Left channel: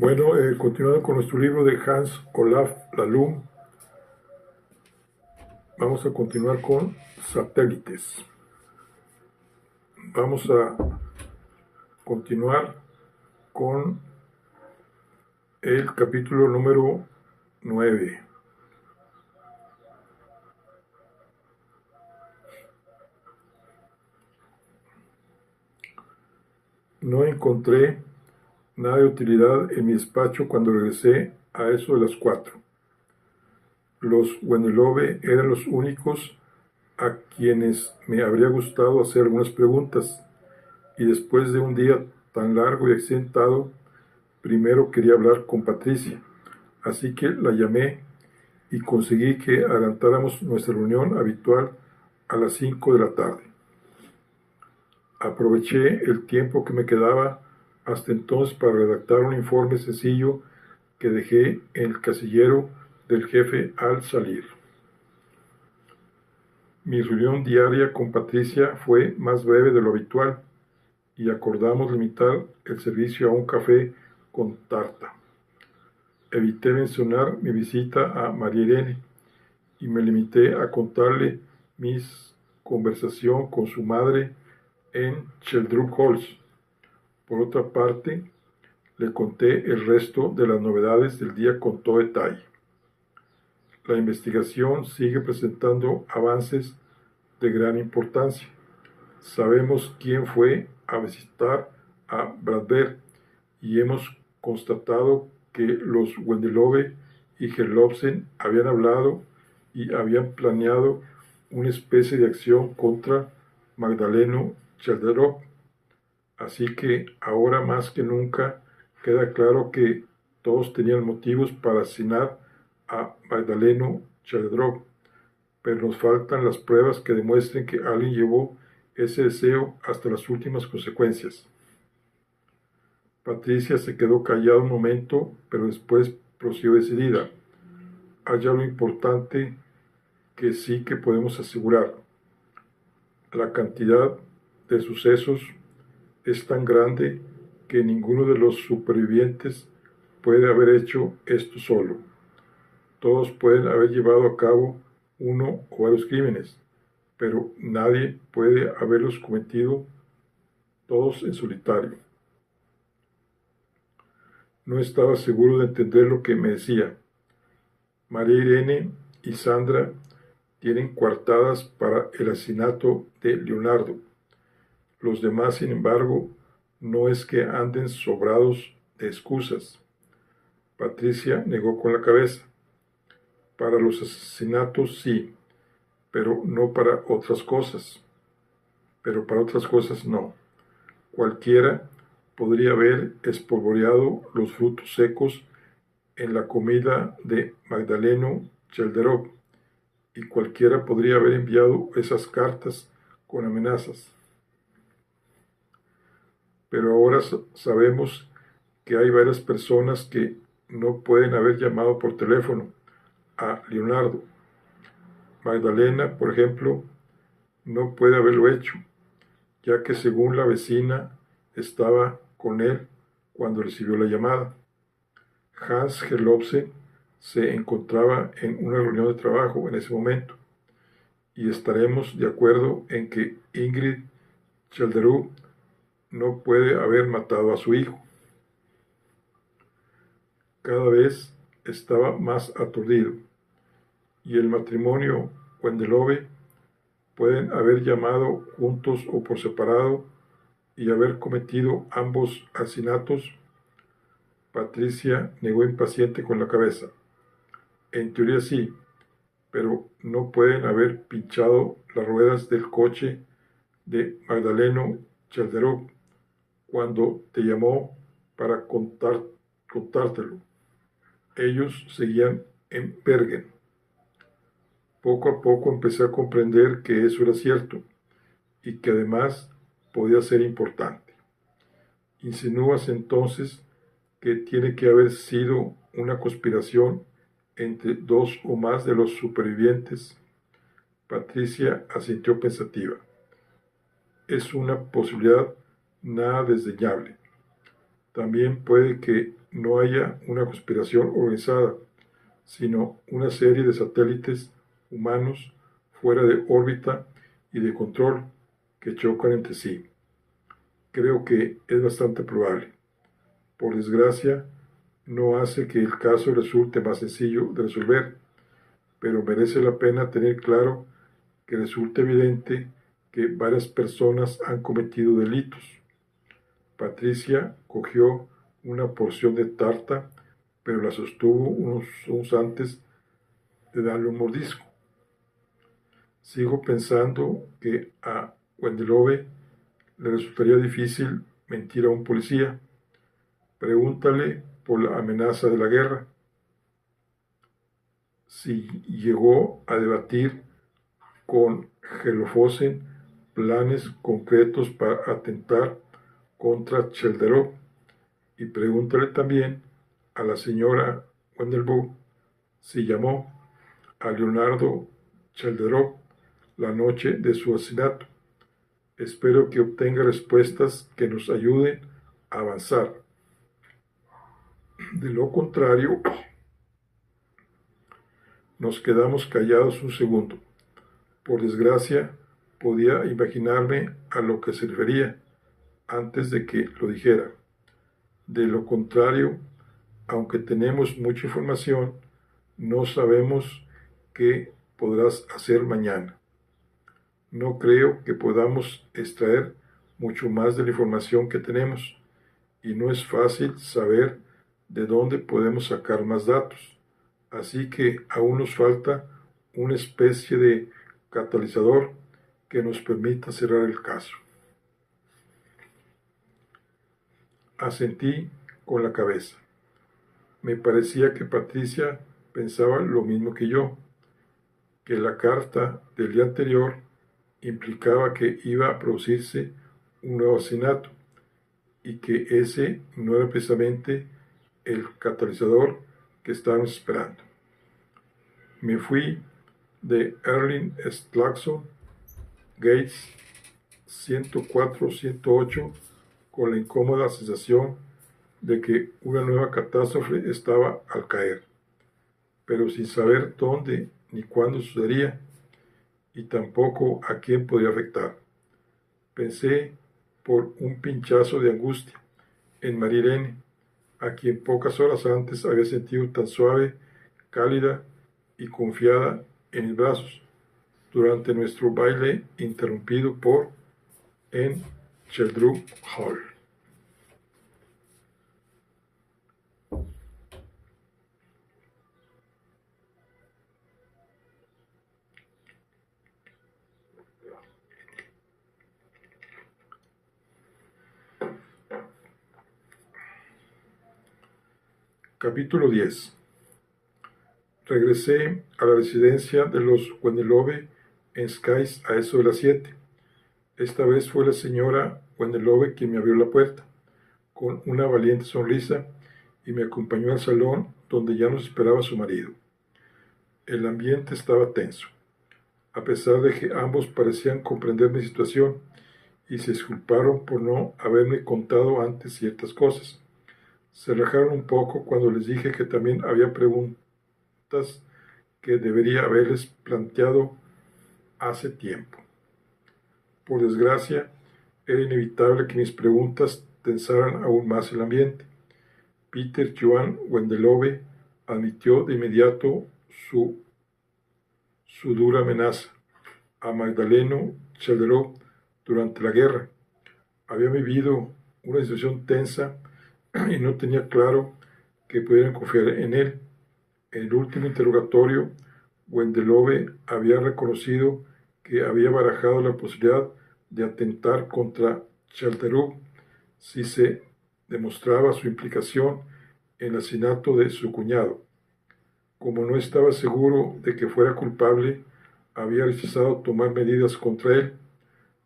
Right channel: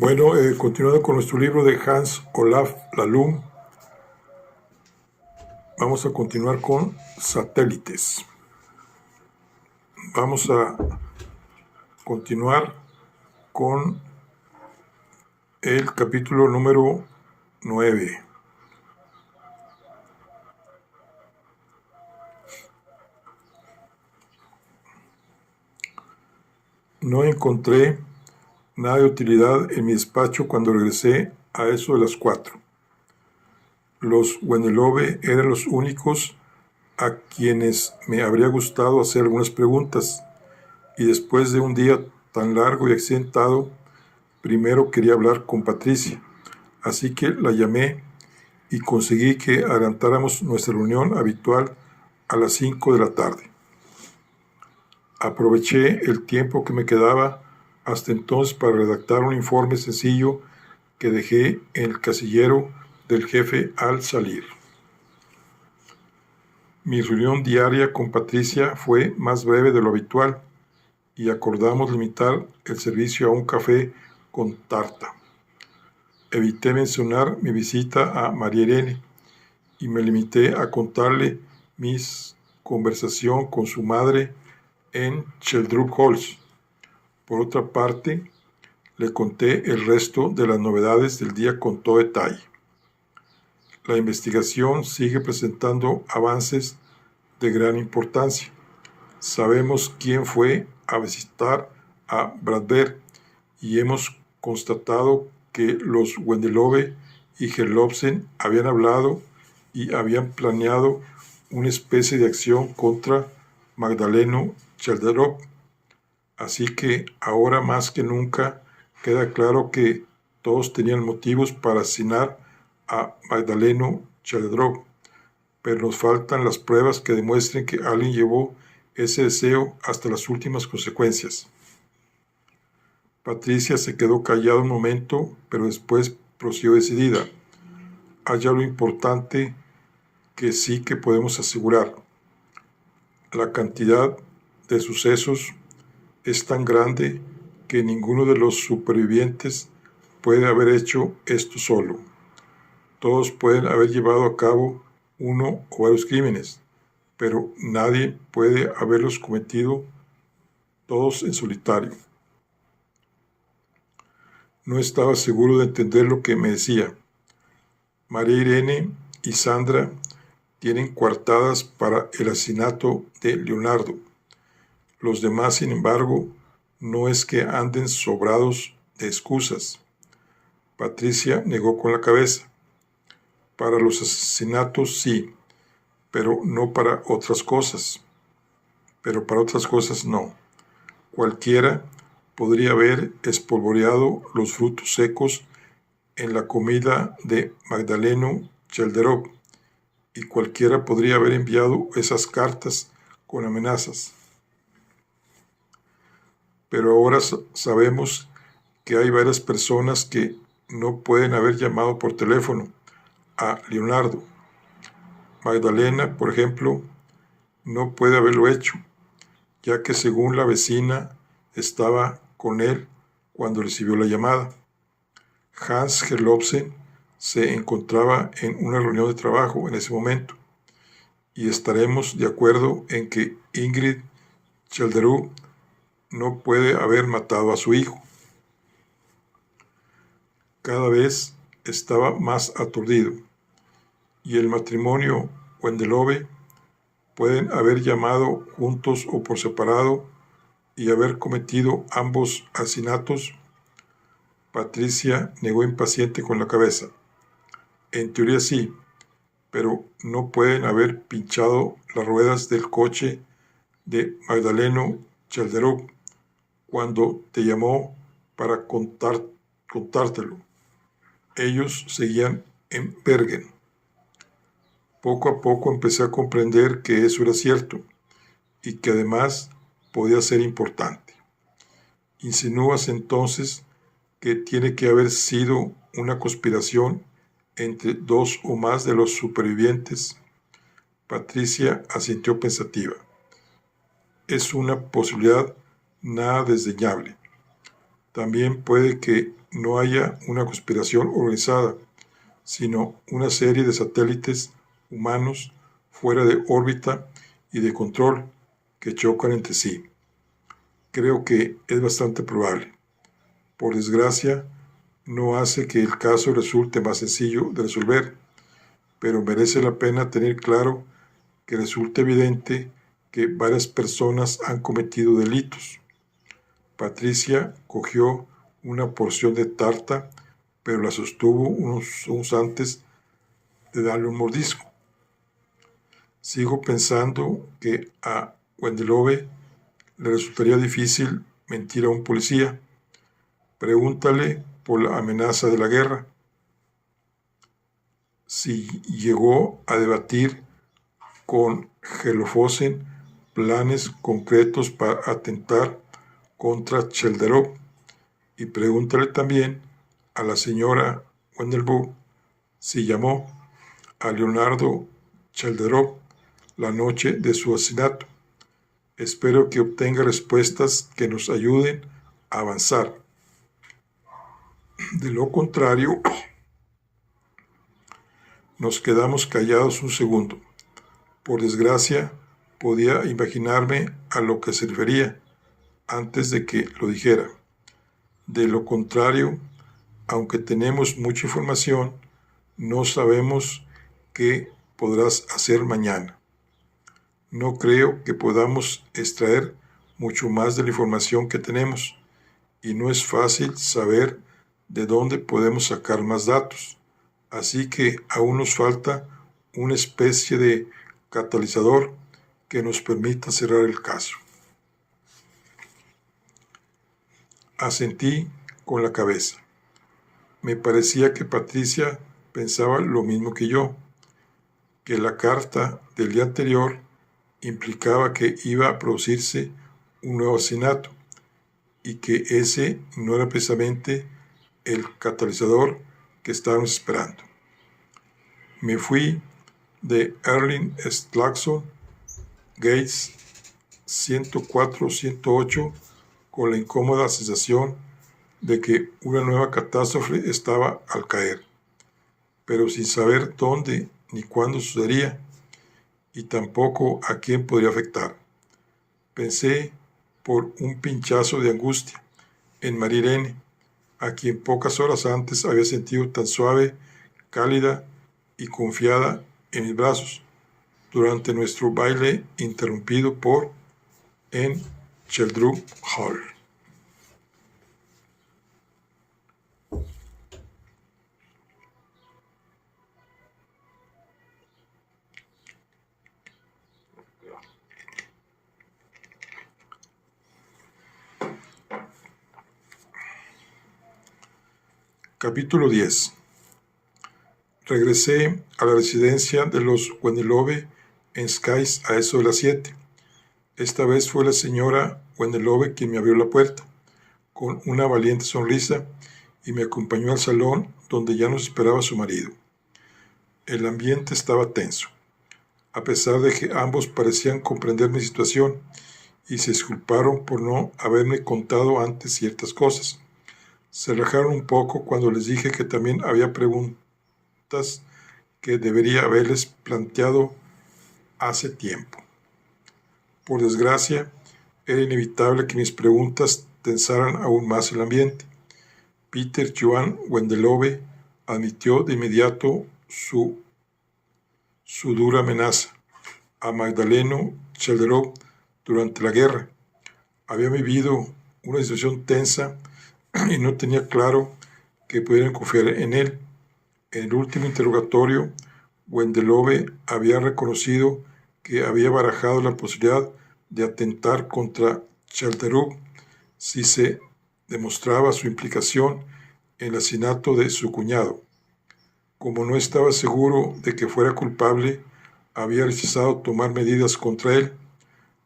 Bueno, continuando con nuestro libro de Hans Olaf Lallum, vamos a continuar con satélites. Vamos a continuar con el capítulo número 9. No encontré nada de utilidad en mi despacho cuando regresé a eso de las 4. Los Wendelove eran los únicos a quienes me habría gustado hacer algunas preguntas, y después de un día tan largo y accidentado, primero quería hablar con Patricia, así que la llamé y conseguí que adelantáramos nuestra reunión habitual a las 5 de la tarde. Aproveché el tiempo que me quedaba hasta entonces para redactar un informe sencillo que dejé en el casillero del jefe al salir. Mi reunión diaria con Patricia fue más breve de lo habitual y acordamos limitar el servicio a un café con tarta. Evité mencionar mi visita a María Irene y me limité a contarle mi conversación con su madre en Sheldrup Halls. Por otra parte, le conté el resto de las novedades del día con todo detalle. La investigación sigue presentando avances de gran importancia. Sabemos quién fue a visitar a Bradberg y hemos constatado que los Wendelove y Gerlofsen habían hablado y habían planeado una especie de acción contra Magdaleno Chalderov. Así que ahora más que nunca queda claro que todos tenían motivos para asesinar a Magdaleno Chalderov, pero nos faltan las pruebas que demuestren que alguien llevó ese deseo hasta las últimas consecuencias. Patricia se quedó callada un momento, pero después prosiguió decidida. Hay algo importante que sí que podemos asegurar. La cantidad de sucesos es tan grande que ninguno de los supervivientes puede haber hecho esto solo. Todos pueden haber llevado a cabo uno o varios crímenes, pero nadie puede haberlos cometido todos en solitario. No estaba seguro de entender lo que me decía. María Irene y Sandra tienen coartadas para el asesinato de Leonardo. Los demás, sin embargo, no es que anden sobrados de excusas. Patricia negó con la cabeza. Para los asesinatos sí, pero no para otras cosas. Pero para otras cosas no. Cualquiera podría haber espolvoreado los frutos secos en la comida de Magdaleno Chalderov, y cualquiera podría haber enviado esas cartas con amenazas. Pero ahora sabemos que hay varias personas que no pueden haber llamado por teléfono a Leonardo. Magdalena, por ejemplo, no puede haberlo hecho, ya que según la vecina estaba con él cuando recibió la llamada. Hans Gerlofsen se encontraba en una reunión de trabajo en ese momento, y estaremos de acuerdo en que Ingrid Chalderud no puede haber matado a su hijo. Cada vez estaba más aturdido, y el matrimonio Wendelove pueden haber llamado juntos o por separado y haber cometido ambos asesinatos. Patricia negó impaciente con la cabeza. En teoría sí, pero no pueden haber pinchado las ruedas del coche de Magdaleno Chalderov cuando te llamó para contártelo. Ellos seguían en Bergen. Poco a poco empecé a comprender que eso era cierto y que además podía ser importante. Insinúas entonces que tiene que haber sido una conspiración entre dos o más de los supervivientes. Patricia asintió pensativa. Es una posibilidad nada desdeñable. También puede que no haya una conspiración organizada, sino una serie de satélites humanos fuera de órbita y de control que chocan entre sí. Creo que es bastante probable. Por desgracia, no hace que el caso resulte más sencillo de resolver, pero merece la pena tener claro que resulta evidente que varias personas han cometido delitos. Patricia cogió una porción de tarta, pero la sostuvo unos antes de darle un mordisco. Sigo pensando que a Wendelove le resultaría difícil mentir a un policía. Pregúntale por la amenaza de la guerra. Si llegó a debatir con Gelofosen planes concretos para atentar contra Chelderov, y pregúntale también a la señora Wendelburg si llamó a Leonardo Chelderov la noche de su asesinato. Espero que obtenga respuestas que nos ayuden a avanzar. De lo contrario, nos quedamos callados un segundo. Por desgracia, podía imaginarme a lo que se refería antes de que lo dijera. De lo contrario, aunque tenemos mucha información, no sabemos qué podrás hacer mañana. No creo que podamos extraer mucho más de la información que tenemos, y no es fácil saber de dónde podemos sacar más datos. Así que aún nos falta una especie de catalizador que nos permita cerrar el caso. Asentí con la cabeza. Me parecía que Patricia pensaba lo mismo que yo, que la carta del día anterior implicaba que iba a producirse un nuevo asesinato y que ese no era precisamente el catalizador que estábamos esperando. Me fui de Erling Slaxon Gates 104-108 con la incómoda sensación de que una nueva catástrofe estaba al caer, pero sin saber dónde ni cuándo sucedería y tampoco a quién podría afectar. Pensé por un pinchazo de angustia en Marirene, a quien pocas horas antes había sentido tan suave, cálida y confiada en mis brazos durante nuestro baile interrumpido en Sheldrup Hall. Capítulo 10. Regresé a la residencia de los Wendelove en Skies a eso de las 7. Esta vez fue la señora Wendelove quien me abrió la puerta, con una valiente sonrisa, y me acompañó al salón donde ya nos esperaba su marido. El ambiente estaba tenso, a pesar de que ambos parecían comprender mi situación y se disculparon por no haberme contado antes ciertas cosas. Se relajaron un poco cuando les dije que también había preguntas que debería haberles planteado hace tiempo. Por desgracia, era inevitable que mis preguntas tensaran aún más el ambiente. Peter Johan Wendelove admitió de inmediato su dura amenaza a Magdaleno Chelderov durante la guerra. Había vivido una situación tensa y no tenía claro que pudieran confiar en él. En el último interrogatorio, Wendelove había reconocido que había barajado la posibilidad de atentar contra Chelderov si se demostraba su implicación en el asesinato de su cuñado. Como no estaba seguro de que fuera culpable, había rechazado tomar medidas contra él.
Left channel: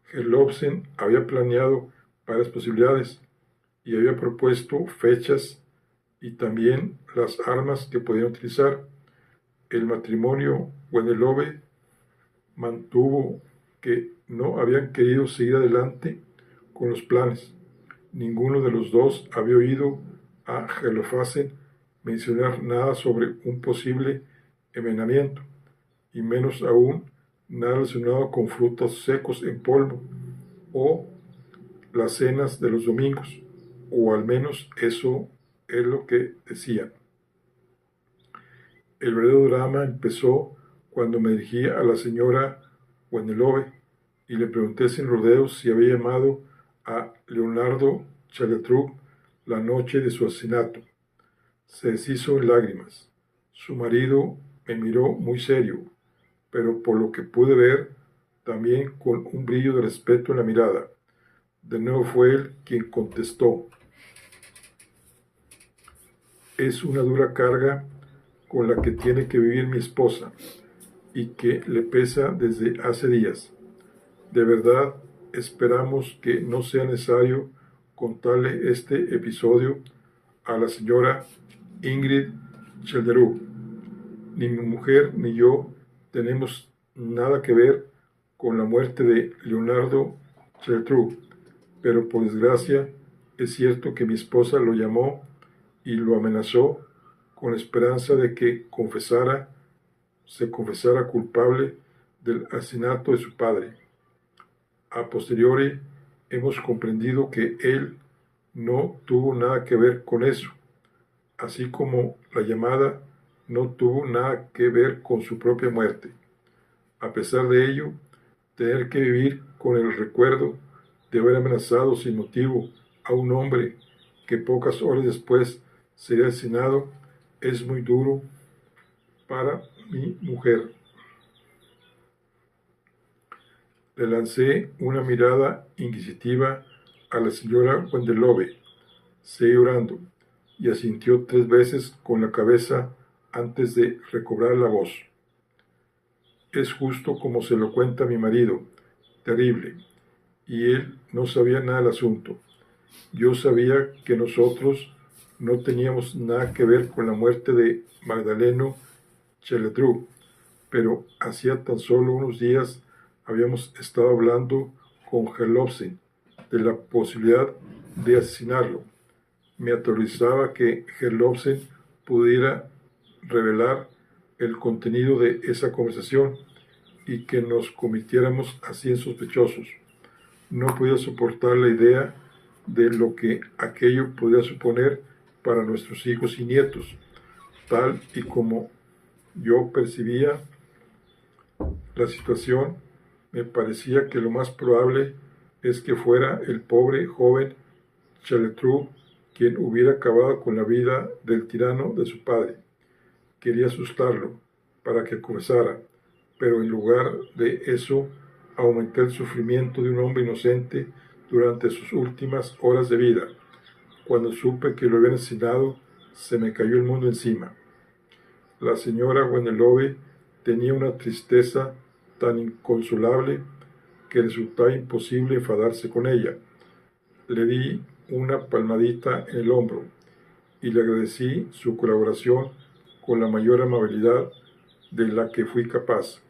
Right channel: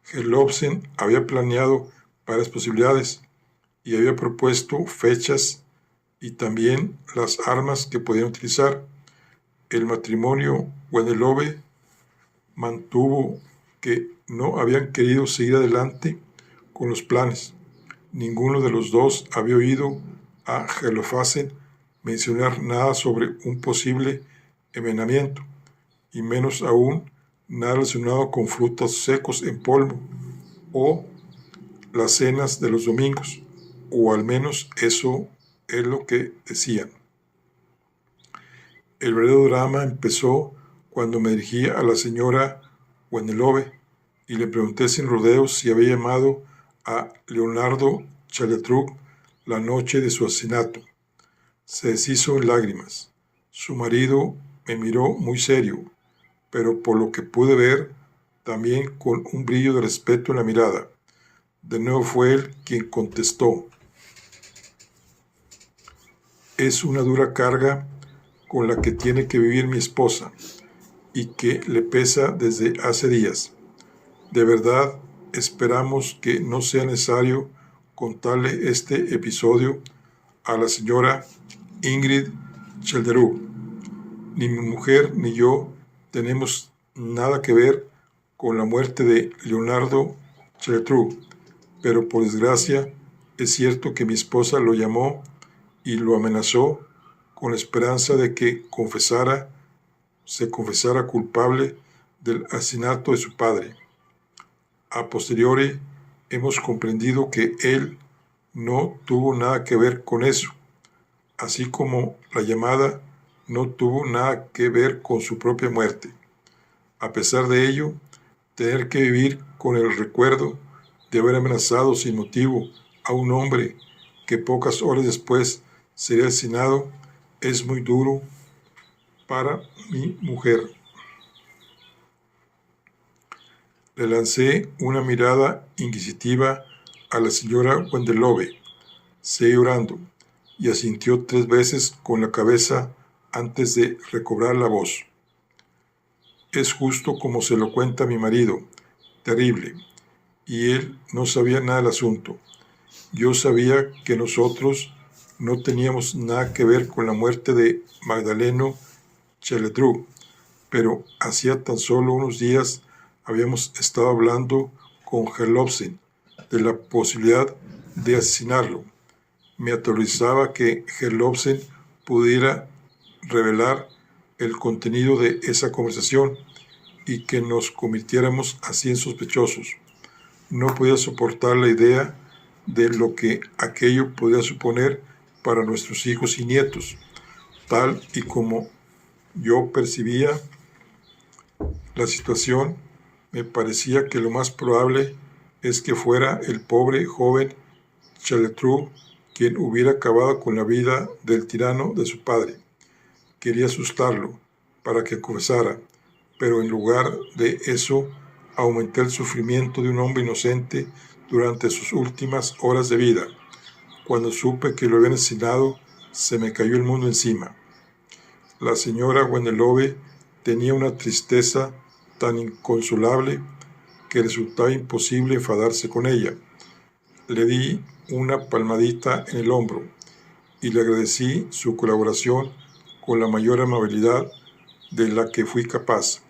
Gelovsen había planeado varias posibilidades y había propuesto fechas y también las armas que podían utilizar. El matrimonio Wendelove mantuvo que no habían querido seguir adelante con los planes, Ninguno de los dos había oído a Holofernes mencionar nada sobre un posible envenenamiento, y menos aún nada relacionado con frutos secos en polvo o las cenas de los domingos, o al menos eso es lo que decían. El verdadero drama empezó cuando me dirigí a la señora Wendelove y le pregunté sin rodeos si había llamado a Leonardo Chaletruk la noche de su asesinato. Se deshizo en lágrimas. Su marido me miró muy serio, pero por lo que pude ver, también con un brillo de respeto en la mirada. De nuevo fue él quien contestó: es una dura carga con la que tiene que vivir mi esposa y que le pesa desde hace días. De verdad, esperamos que no sea necesario contarle este episodio a la señora Ingrid Childerud. Ni mi mujer ni yo tenemos nada que ver con la muerte de Leonardo Childerud, pero por desgracia es cierto que mi esposa lo llamó y lo amenazó con la esperanza de que se confesara culpable del asesinato de su padre. A posteriori hemos comprendido que él no tuvo nada que ver con eso, así como la llamada no tuvo nada que ver con su propia muerte. A pesar de ello, tener que vivir con el recuerdo de haber amenazado sin motivo a un hombre que pocas horas después sería asesinado es muy duro para mi mujer. Le lancé una mirada inquisitiva a la señora Wendelove. Seguí orando y asintió 3 veces con la cabeza antes de recobrar la voz. Es justo como se lo cuenta mi marido, terrible, y él no sabía nada del asunto. Yo sabía que nosotros no teníamos nada que ver con la muerte de Magdaleno Chaletruk, pero hacía tan solo unos días habíamos estado hablando con Holofernes de la posibilidad de asesinarlo. Me aterrorizaba que Holofernes pudiera revelar el contenido de esa conversación y que nos convirtiéramos así en sospechosos. No podía soportar la idea de lo que aquello podía suponer para nuestros hijos y nietos, tal y como yo percibía la situación. Me parecía que lo más probable es que fuera el pobre joven Chaletruk quien hubiera acabado con la vida del tirano de su padre. Quería asustarlo para que confesara, pero en lugar de eso aumenté el sufrimiento de un hombre inocente durante sus últimas horas de vida. Cuando supe que lo habían asesinado, se me cayó el mundo encima. La señora Wendelove tenía una tristeza tan inconsolable que resultaba imposible enfadarse con ella. Le di una palmadita en el hombro y le agradecí su colaboración con la mayor amabilidad de la que fui capaz.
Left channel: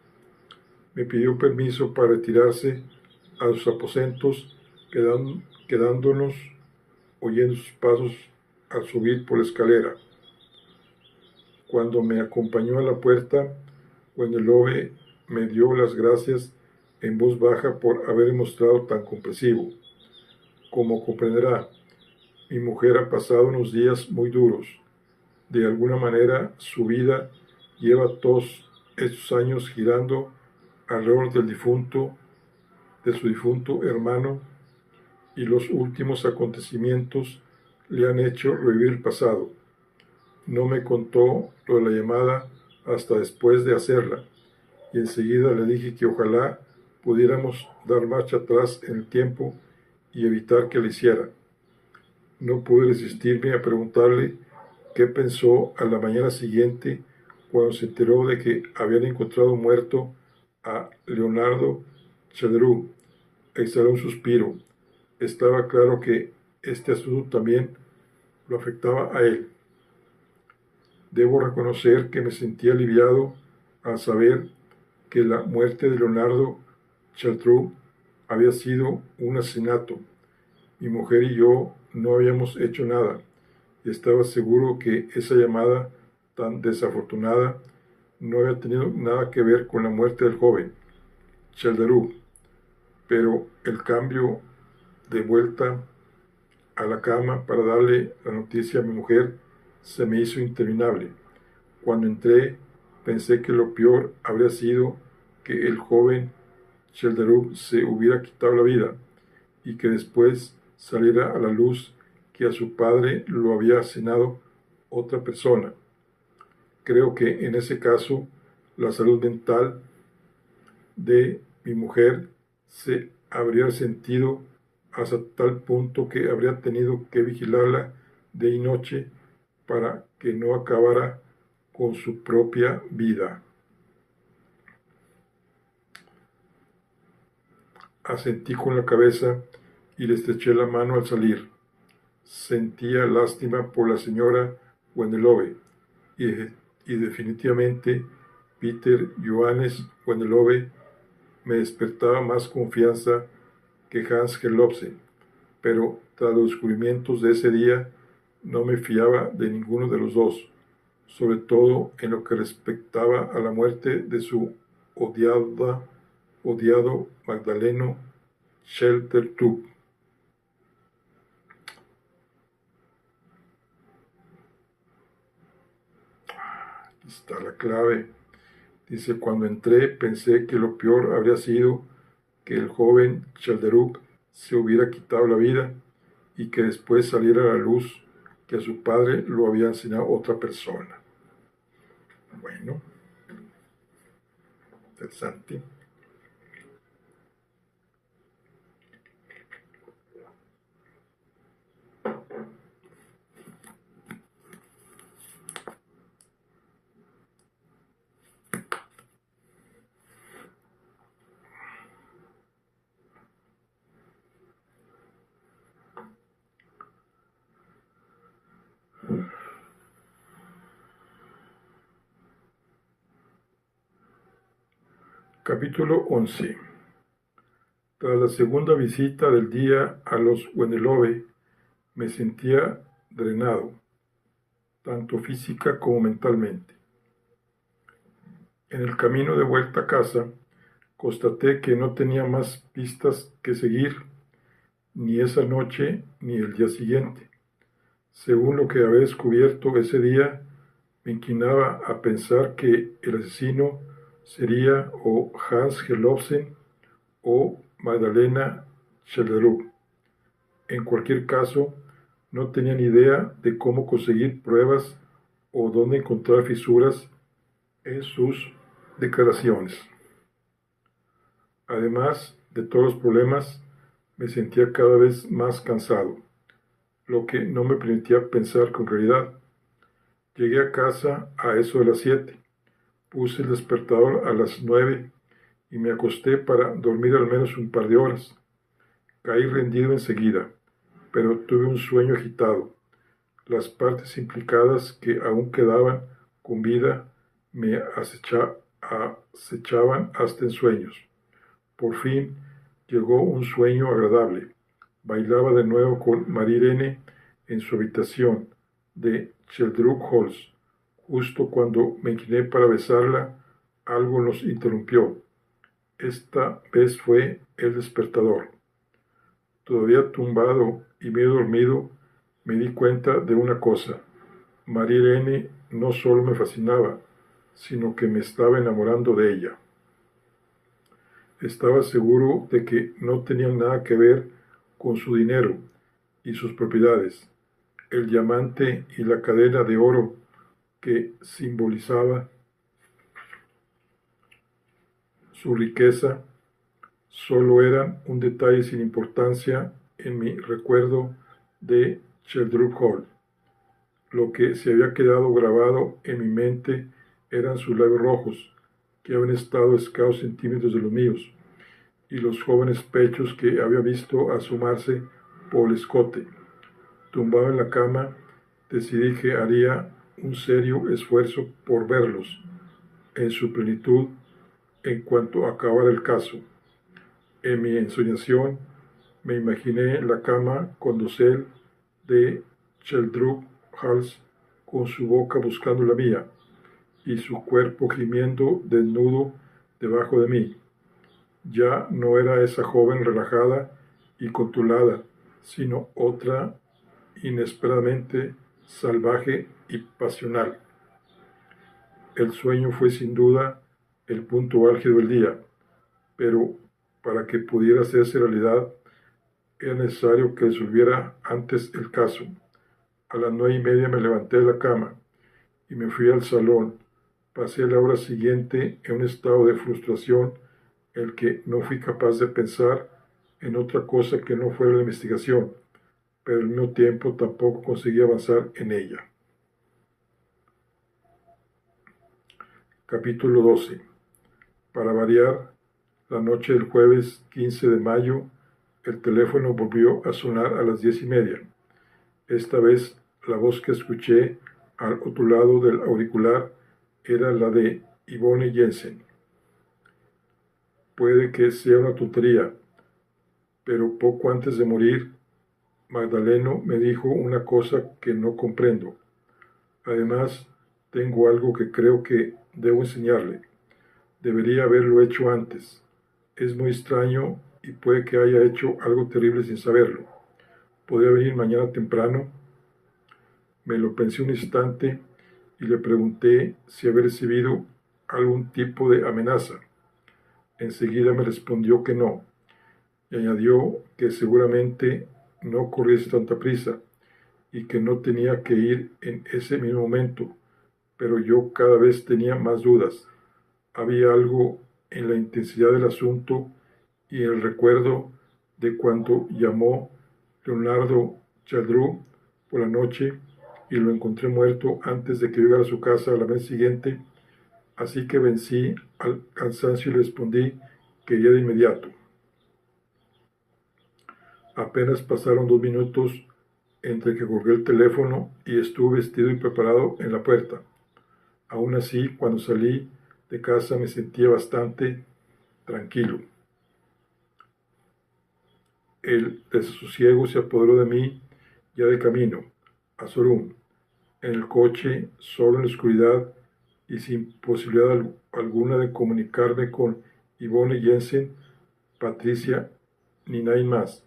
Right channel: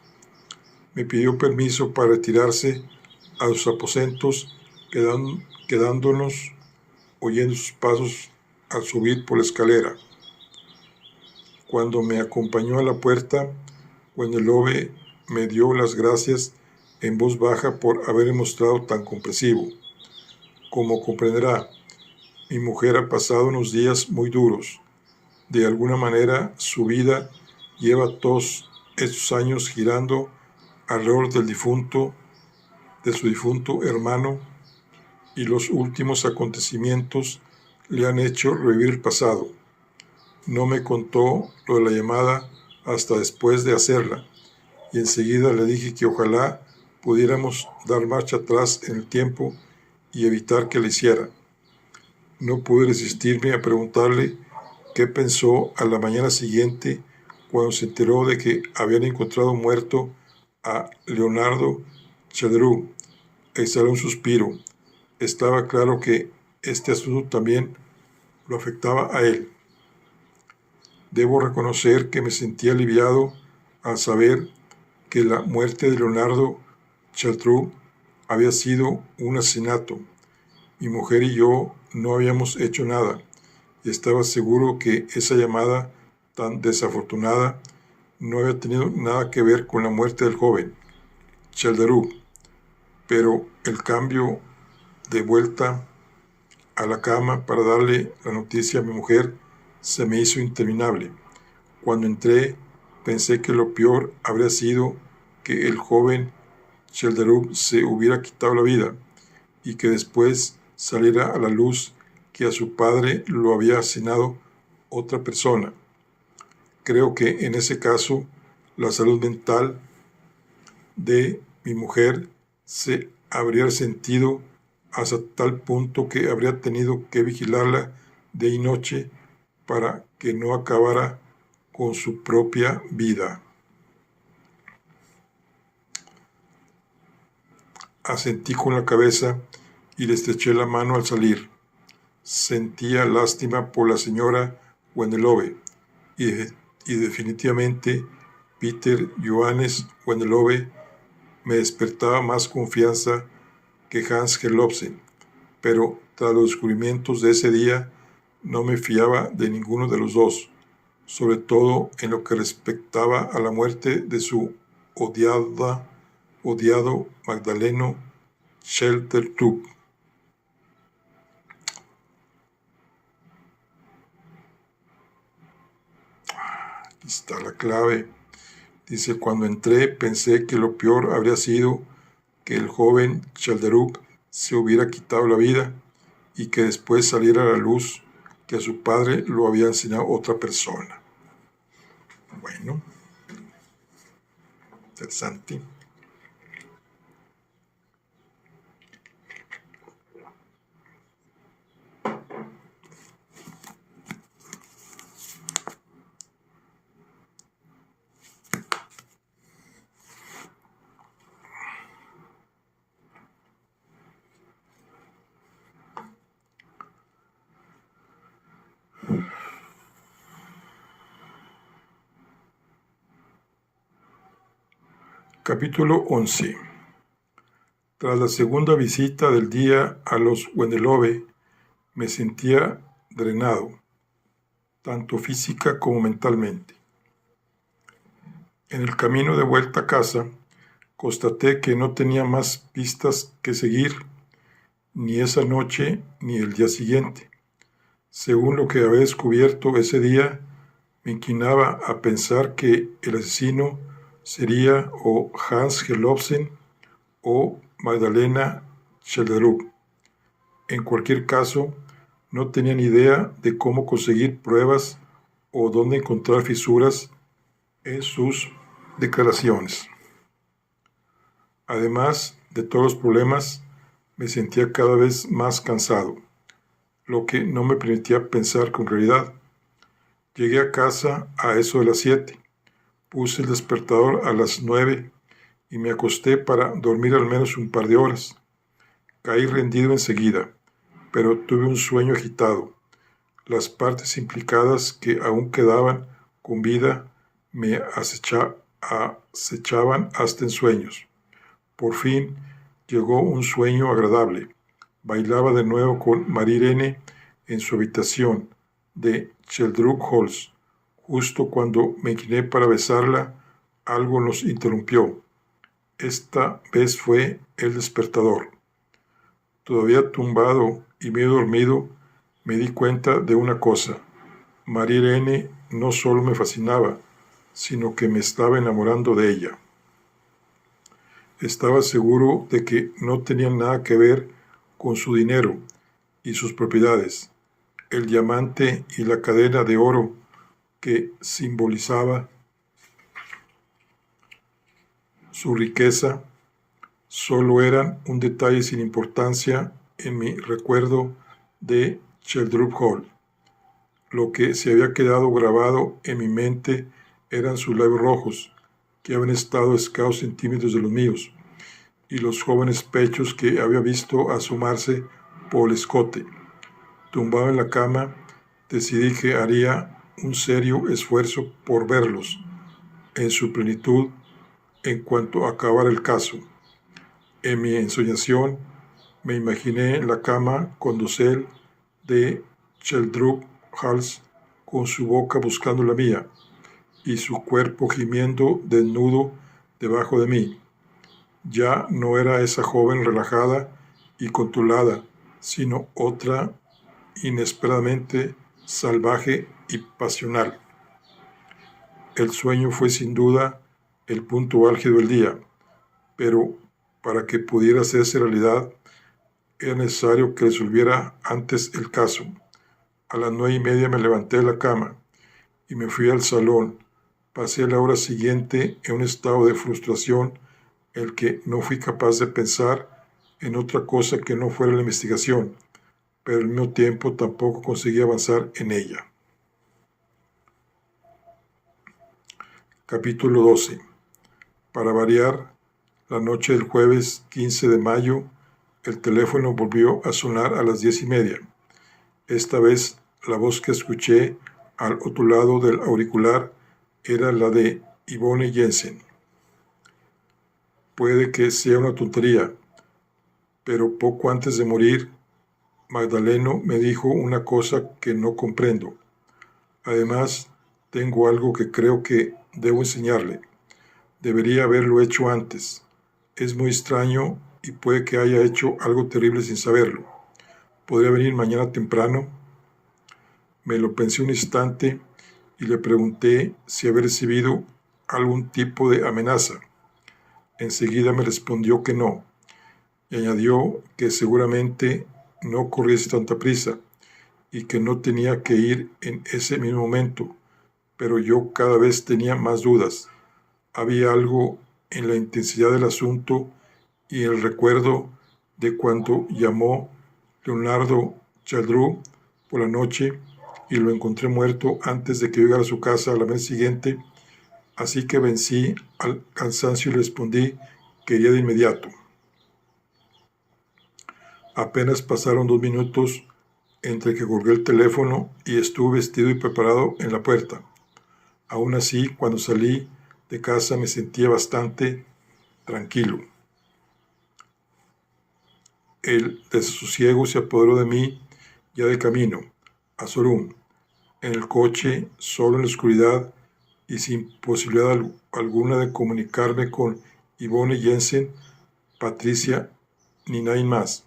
Me pidió permiso para retirarse a sus aposentos, quedándonos oyendo sus pasos al subir por la escalera. Cuando me acompañó a la puerta, Wendelove me dio las gracias en voz baja por haberme mostrado tan comprensivo. Como comprenderá, mi mujer ha pasado unos días muy duros. De alguna manera, su vida lleva todos estos años girando alrededor de su difunto hermano, y los últimos acontecimientos le han hecho revivir el pasado. No me contó lo de la llamada hasta después de hacerla, y enseguida le dije que ojalá pudiéramos dar marcha atrás en el tiempo y evitar que la hiciera. No pude resistirme a preguntarle qué pensó a la mañana siguiente cuando se enteró de que habían encontrado muerto a Leonardo Childerud. Exhaló un suspiro. Estaba claro que este asunto también lo afectaba a él. Debo reconocer que me sentí aliviado al saber que la muerte de Leonardo Childerud había sido un asesinato. Mi mujer y yo no habíamos hecho nada, y estaba seguro que esa llamada tan desafortunada no había tenido nada que ver con la muerte del joven Chelderuk, pero el cambio de vuelta a la cama para darle la noticia a mi mujer se me hizo interminable. Cuando entré, pensé que lo peor habría sido que el joven Chelderuk se hubiera quitado la vida y que después saliera a la luz que a su padre lo había asesinado otra persona. Creo que en ese caso la salud mental de mi mujer se habría resentido hasta tal punto que habría tenido que vigilarla día y noche para que no acabara con su propia vida. Asentí con la cabeza y le estreché la mano al salir. Sentía lástima por la señora Wendelove y definitivamente Peter Johannes Wendelove me despertaba más confianza que Hans Gelobsen, pero tras los descubrimientos de ese día no me fiaba de ninguno de los dos, sobre todo en lo que respectaba a la muerte de su odiado Magdaleno Chelderuk. Aquí está la clave. Dice, cuando entré pensé que lo peor habría sido que el joven Chelderuk se hubiera quitado la vida y que después saliera a la luz que a su padre lo había enseñado otra persona. Bueno, interesante. Capítulo 11. Tras la segunda visita del día a los Wendelove, me sentía drenado, tanto física como mentalmente. En el camino de vuelta a casa, constaté que no tenía más pistas que seguir, ni esa noche ni el día siguiente. Según lo que había descubierto ese día, me inclinaba a pensar que el asesino sería o Hans Gelobsen o Magdalena Chelderuk. En cualquier caso, no tenía ni idea de cómo conseguir pruebas o dónde encontrar fisuras en sus declaraciones. Además de todos los problemas, me sentía cada vez más cansado, lo que no me permitía pensar con claridad. Llegué a casa a eso de las 7. Puse el despertador a las 9 y me acosté para dormir al menos un par de horas. Caí rendido enseguida, pero tuve un sueño agitado. Las partes implicadas que aún quedaban con vida me acechaban hasta en sueños. Por fin llegó un sueño agradable. Bailaba de nuevo con María Irene en su habitación de Chelderuk Halls. Justo cuando me incliné para besarla, algo nos interrumpió. Esta vez fue el despertador. Todavía tumbado y medio dormido, me di cuenta de una cosa. María Irene no solo me fascinaba, sino que me estaba enamorando de ella. Estaba seguro de que no tenía nada que ver con su dinero y sus propiedades. El diamante y la cadena de oro que simbolizaba su riqueza solo eran un detalle sin importancia en mi recuerdo de Chelderuk Hall. Lo que se había quedado grabado en mi mente eran sus labios rojos, que habían estado a escasos centímetros de los míos, y los jóvenes pechos que había visto asomarse por el escote. Tumbado en la cama, decidí que haría un serio esfuerzo por verlos en su plenitud en cuanto acabara el caso. En mi ensoñación Me imaginé en la cama con dosel de Sheldrup Hals con su boca buscando la mía y su cuerpo gimiendo desnudo debajo de mí. Ya no era esa joven relajada y controlada, sino otra inesperadamente salvaje y pasional. El sueño fue sin duda el punto álgido del día, pero para que pudiera hacerse realidad era necesario que resolviera antes el caso. A las 9:30 me levanté de la cama y me fui al salón. Pasé la hora siguiente en un estado de frustración el que no fui capaz de pensar en otra cosa que no fuera la investigación, pero al mismo tiempo tampoco conseguí avanzar en ella. Capítulo 12. Para variar, la noche del jueves 15 de mayo, el teléfono volvió a sonar a las 10:30. Esta vez la voz que escuché al otro lado del auricular era la de Yvonne Jensen. Puede que sea una tontería, pero poco antes de morir, Magdaleno me dijo una cosa que no comprendo. Además, tengo algo que creo que debo enseñarle. Debería haberlo hecho antes. Es muy extraño y puede que haya hecho algo terrible sin saberlo. ¿Podría venir mañana temprano? Me lo pensé un instante y le pregunté si había recibido algún tipo de amenaza. Enseguida me respondió que no, y añadió que seguramente no corriese tanta prisa y que no tenía que ir en ese mismo momento, pero yo cada vez tenía más dudas. Había algo en la intensidad del asunto y el recuerdo de cuando llamó Leonardo Chaldrú por la noche y lo encontré muerto antes de que yo llegara a su casa a la vez siguiente, así que vencí al cansancio y le respondí que iría de inmediato. Apenas pasaron 2 minutos entre que colgué el teléfono y estuve vestido y preparado en la puerta. Aún así, cuando salí de casa me sentía bastante tranquilo. El desasosiego se apoderó de mí ya de camino a Sorún, en el coche, solo en la oscuridad y sin posibilidad alguna de comunicarme con Yvonne Jensen, Patricia ni nadie más.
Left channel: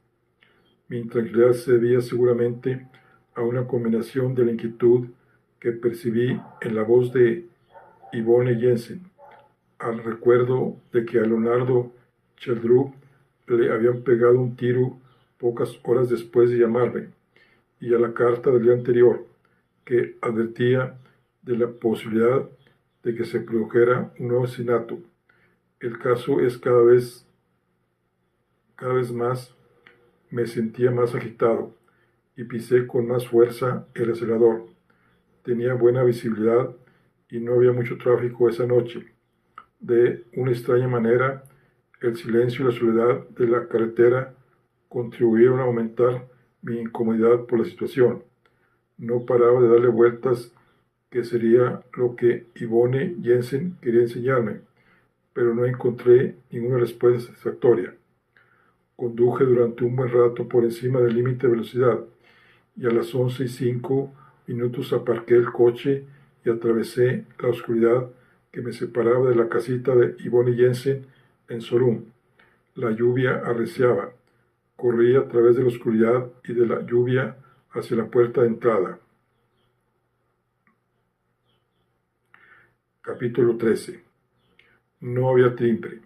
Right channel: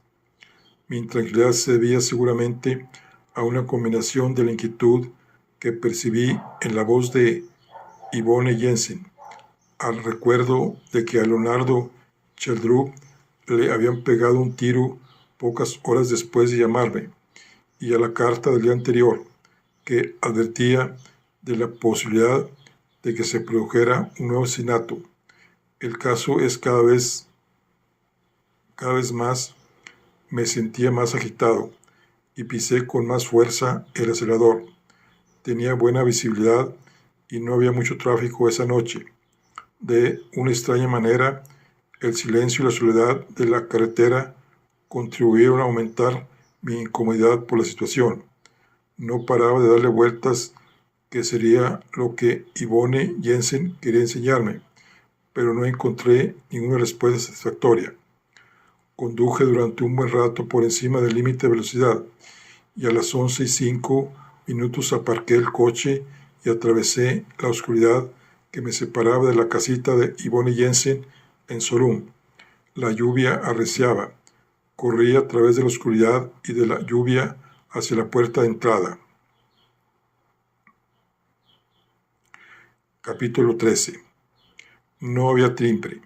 Mi intranquilidad se debía seguramente a una combinación de la inquietud que percibí en la voz de Yvonne Jensen, al recuerdo de que a Leonardo Sheldrup le habían pegado un tiro pocas horas después de llamarme, y a la carta del día anterior, que advertía de la posibilidad de que se produjera un nuevo asesinato. El caso es cada vez más me sentía más agitado y pisé con más fuerza el acelerador. Tenía buena visibilidad y no había mucho tráfico esa noche. De una extraña manera, el silencio y la soledad de la carretera contribuyeron a aumentar mi incomodidad por la situación. No paraba de darle vueltas que sería lo que Yvonne Jensen quería enseñarme, pero no encontré ninguna respuesta satisfactoria. Conduje durante un buen rato por encima del límite de velocidad y a las 11:05 aparqué el coche y atravesé la oscuridad que me separaba de la casita de Yvonne Jensen en Sorún. La lluvia arreciaba. Corrí a través de la oscuridad y de la lluvia hacia la puerta de entrada. Capítulo 13. No había timbre.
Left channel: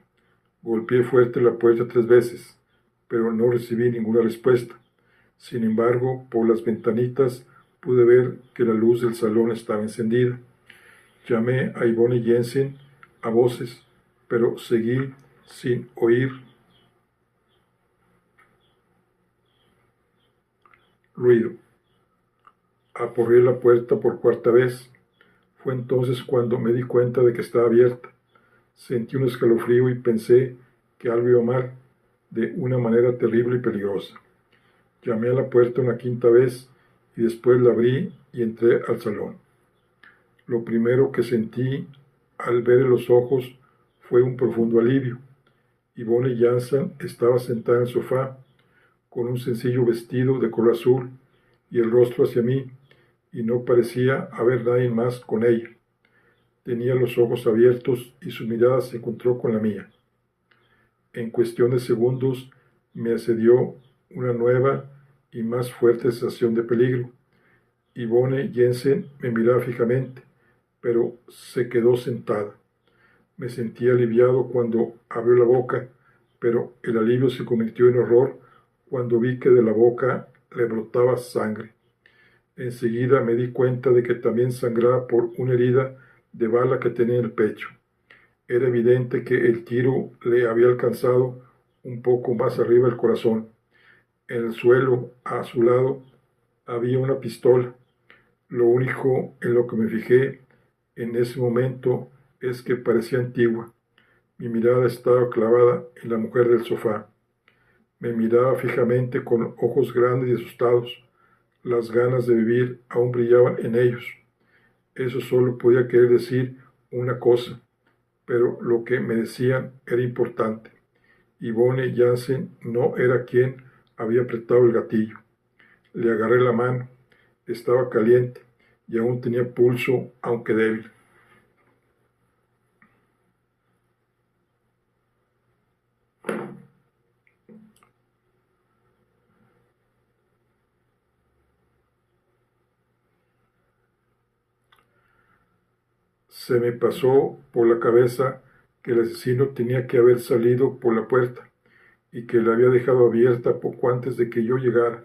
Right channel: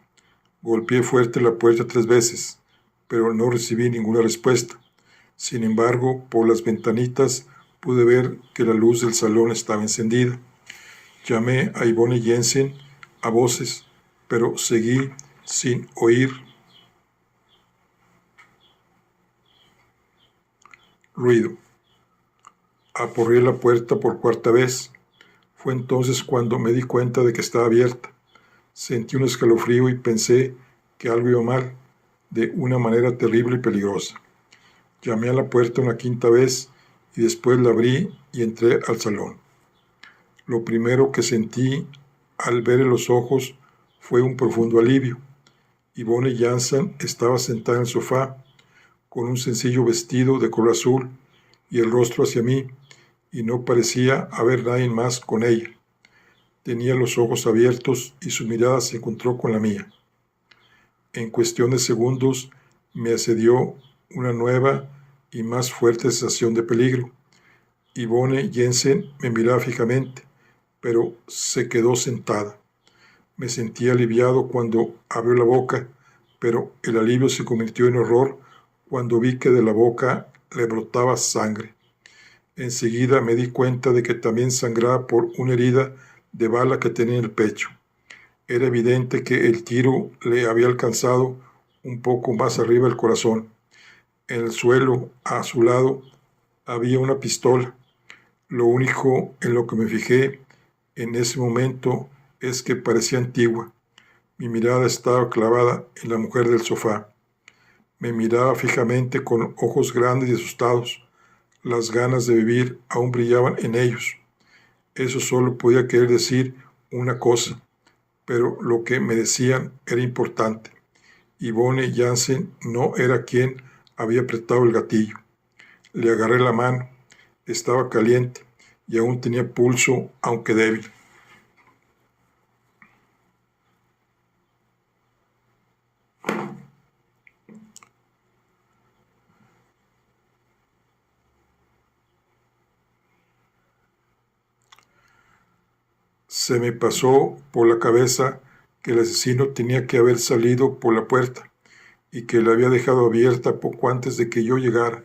Golpeé fuerte la puerta 3 veces, pero no recibí ninguna respuesta. Sin embargo, por las ventanitas pude ver que la luz del salón estaba encendida. Llamé a Yvonne Jensen a voces, pero seguí sin oír ruido. Aporreé la puerta por 4ª vez. Fue entonces cuando me di cuenta de que estaba abierta. Sentí un escalofrío y pensé que algo iba mal, de una manera terrible y peligrosa. Llamé a la puerta una 5ª vez y después la abrí y entré al salón. Lo primero que sentí al ver en los ojos fue un profundo alivio. Yvonne Jensen estaba sentada en el sofá, con un sencillo vestido de color azul y el rostro hacia mí, y no parecía haber nadie más con ella. Tenía los ojos abiertos y su mirada se encontró con la mía. En cuestión de segundos me asedió una nueva y más fuerte sensación de peligro. Yvonne Jensen me miraba fijamente, pero se quedó sentada. Me sentí aliviado cuando abrió la boca, pero el alivio se convirtió en horror cuando vi que de la boca le brotaba sangre. Enseguida me di cuenta de que también sangraba por una herida de bala que tenía en el pecho. Era evidente que el tiro le había alcanzado un poco más arriba del corazón. En el suelo, a su lado, había una pistola. Lo único en lo que me fijé en ese momento es que parecía antigua. Mi mirada estaba clavada en la mujer del sofá. Me miraba fijamente con ojos grandes y asustados. Las ganas de vivir aún brillaban en ellos. Eso solo podía querer decir una cosa, pero lo que me decían era importante. Yvonne Jensen no era quien había apretado el gatillo. Le agarré la mano. Estaba caliente y aún tenía pulso, aunque débil. Se me pasó por la cabeza que el asesino tenía que haber salido por la puerta y que la había dejado abierta poco antes de que yo llegara.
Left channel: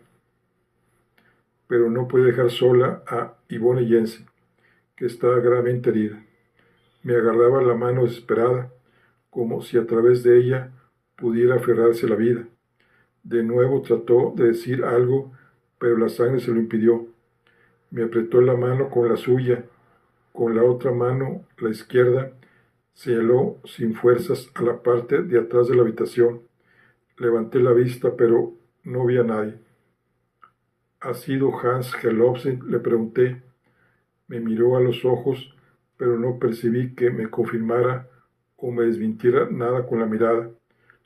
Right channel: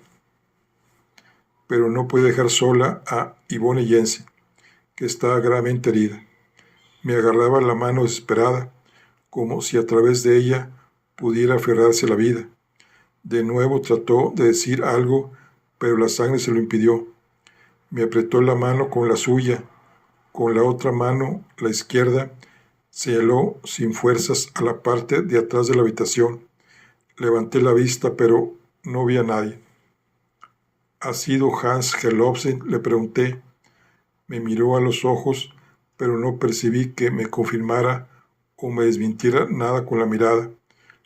Pero no podía dejar sola a Yvonne Jensen, que estaba gravemente herida. Me agarraba la mano desesperada, como si a través de ella pudiera aferrarse a la vida. De nuevo trató de decir algo, pero la sangre se lo impidió. Me apretó la mano con la suya. Con la otra mano, la izquierda, señaló sin fuerzas a la parte de atrás de la habitación. Levanté la vista, pero no vi a nadie. ¿Ha sido Hans Herlofsen?, le pregunté. Me miró a los ojos, pero no percibí que me confirmara o me desmintiera nada con la mirada.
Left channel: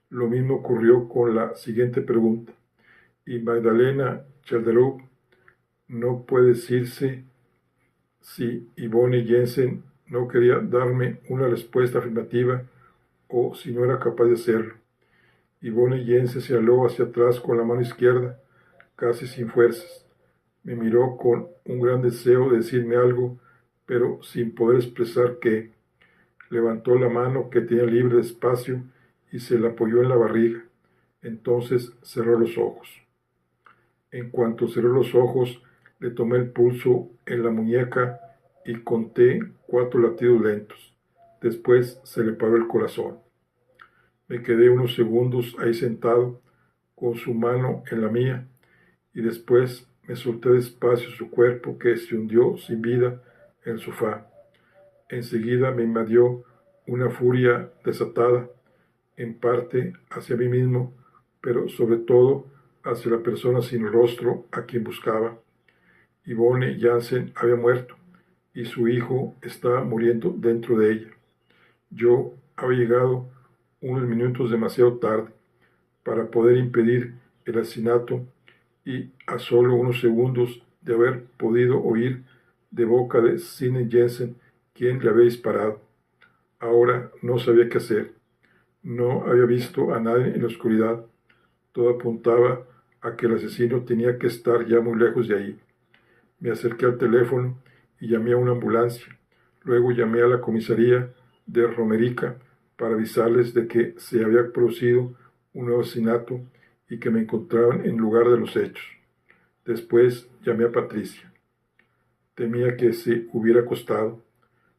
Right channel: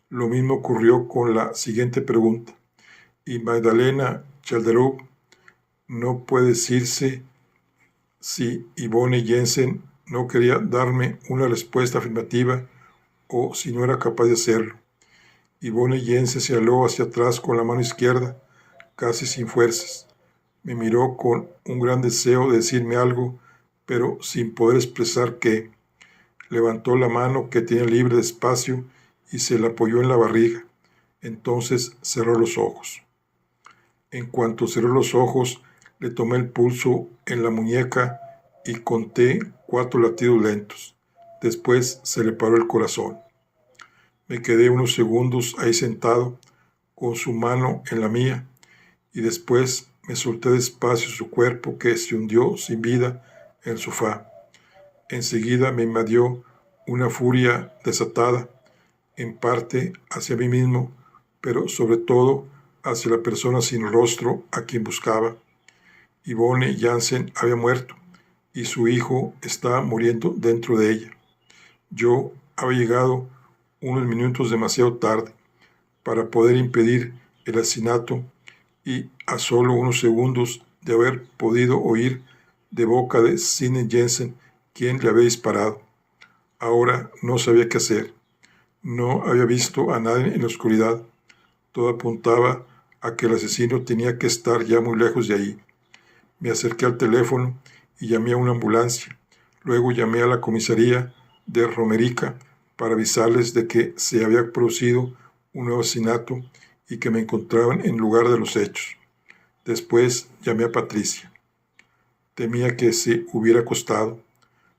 Lo mismo ocurrió con la siguiente pregunta. ¿Y Magdalena Chalderov? No puede decirse si Yvonne Jensen no quería darme una respuesta afirmativa o si no era capaz de hacerlo. Yvonne Jensen se aló hacia atrás con la mano izquierda, casi sin fuerzas. Me miró con un gran deseo de decirme algo, pero sin poder expresar qué. Levantó la mano que tenía libre despacio y se la apoyó en la barriga. Entonces cerró los ojos. En cuanto cerró los ojos, le tomé el pulso en la muñeca y conté 4 latidos lentos. Después se le paró el corazón. Me quedé unos segundos ahí sentado, con su mano en la mía, y después me solté despacio su cuerpo que se hundió sin vida en el sofá. Enseguida me invadió una furia desatada, en parte hacia mí mismo, pero sobre todo hacia la persona sin rostro a quien buscaba. Yvonne Jensen había muerto y su hijo estaba muriendo dentro de ella. Yo había llegado unos minutos demasiado tarde para poder impedir el asesinato y a solo unos segundos de haber podido oír de boca de Sidney Jensen quién le había disparado. Ahora no sabía qué hacer. No había visto a nadie en la oscuridad. Todo apuntaba a que el asesino tenía que estar ya muy lejos de ahí. Me acerqué al teléfono y llamé a una ambulancia. Luego llamé a la comisaría de Romerica para avisarles de que se había producido un nuevo asesinato y que me encontraban en el lugar de los hechos. Después llamé a Patricia. Temía que se hubiera acostado.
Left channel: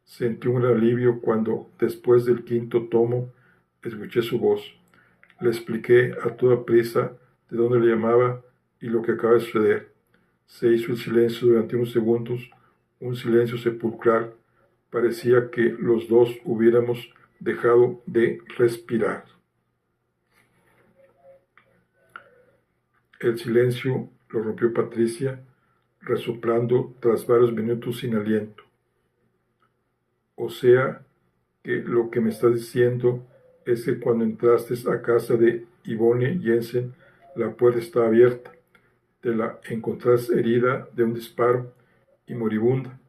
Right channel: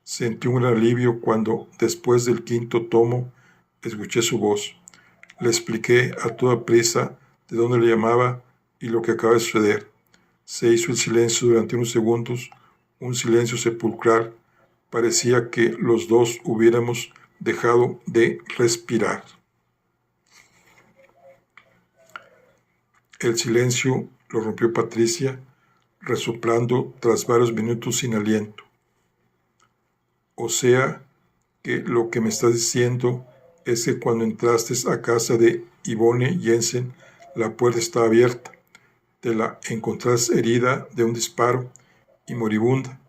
Sentí un gran alivio cuando, después del 5.º tomo, escuché su voz. Le expliqué a toda prisa de dónde le llamaba y lo que acaba de suceder. Se hizo el silencio durante unos segundos, un silencio sepulcral. Parecía que los dos hubiéramos dejado de respirar. El silencio lo rompió Patricia, resoplando tras varios minutos sin aliento. O sea, que lo que me estás diciendo es que cuando entraste a casa de Yvonne Jensen La puerta estaba abierta. Te la encontrás herida de un disparo y moribunda,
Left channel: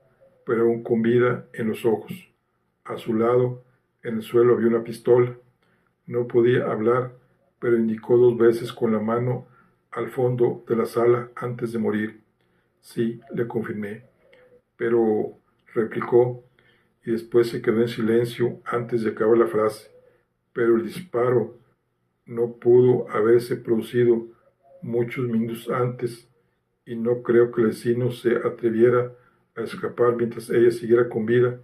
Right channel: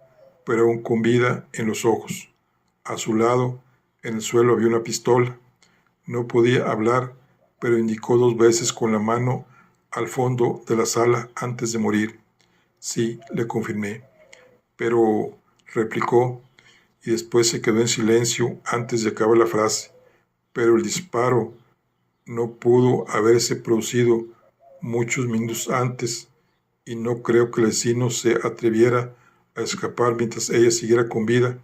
pero aún con vida en los ojos. A su lado, en el suelo, había una pistola. No podía hablar, pero indicó 2 veces con la mano al fondo de la sala antes de morir. Sí, le confirmé. Pero, replicó, y después se quedó en silencio antes de acabar la frase. Pero el disparo no pudo haberse producido muchos minutos antes, y no creo que el vecino se atreviera a escapar mientras ella siguiera con vida.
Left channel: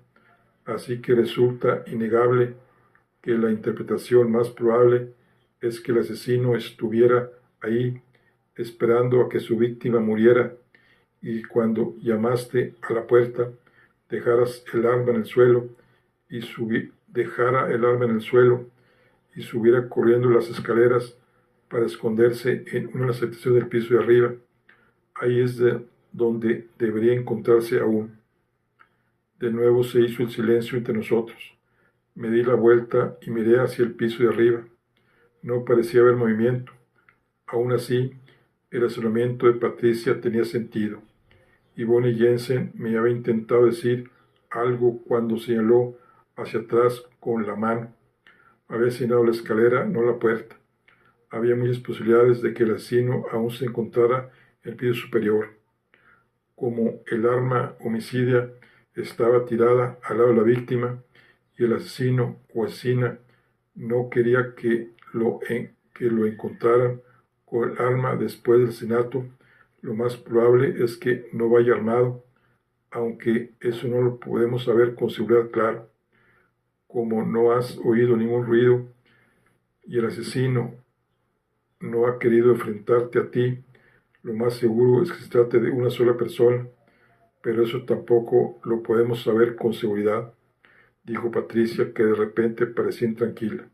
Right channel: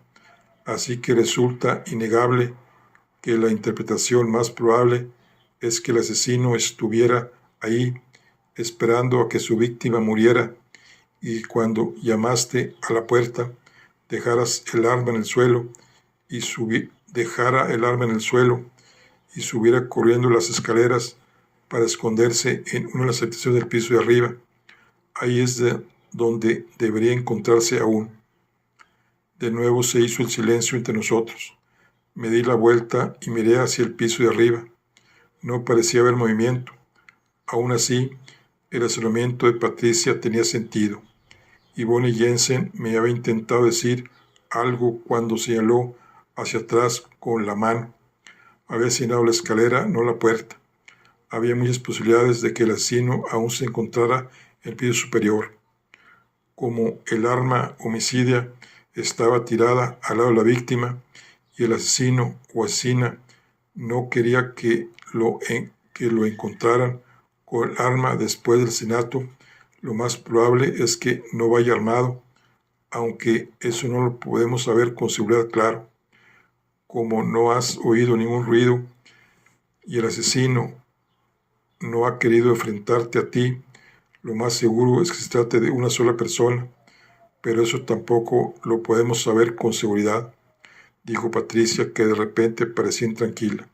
Así que resulta innegable que la interpretación más probable es que el asesino estuviera ahí esperando a que su víctima muriera, y cuando llamaste a la puerta dejaras el arma en el suelo y dejara el arma en el suelo y subiera corriendo las escaleras para esconderse en una de las habitaciones del piso de arriba. Ahí es donde debería encontrarse aún. De nuevo se hizo el silencio entre nosotros. Me di la vuelta y miré hacia el piso de arriba. No parecía haber movimiento. Aún así, el razonamiento de Patricia tenía sentido. Yvonne Jensen me había intentado decir algo cuando señaló hacia atrás con la mano. Había señalado la escalera, no la puerta. Había muchas posibilidades de que el asesino aún se encontrara en el piso superior. Como el arma homicida estaba tirada al lado de la víctima y el asesino o asesina no quería que lo encontraran con el arma después del asesinato, lo más probable es que no vaya armado, aunque eso no lo podemos saber con seguridad, claro. Como no has oído ningún ruido y el asesino no ha querido enfrentarte a ti, lo más seguro es que se trate de una sola persona, pero eso tampoco lo podemos saber con seguridad, dijo Patricia, que de repente parecía intranquila.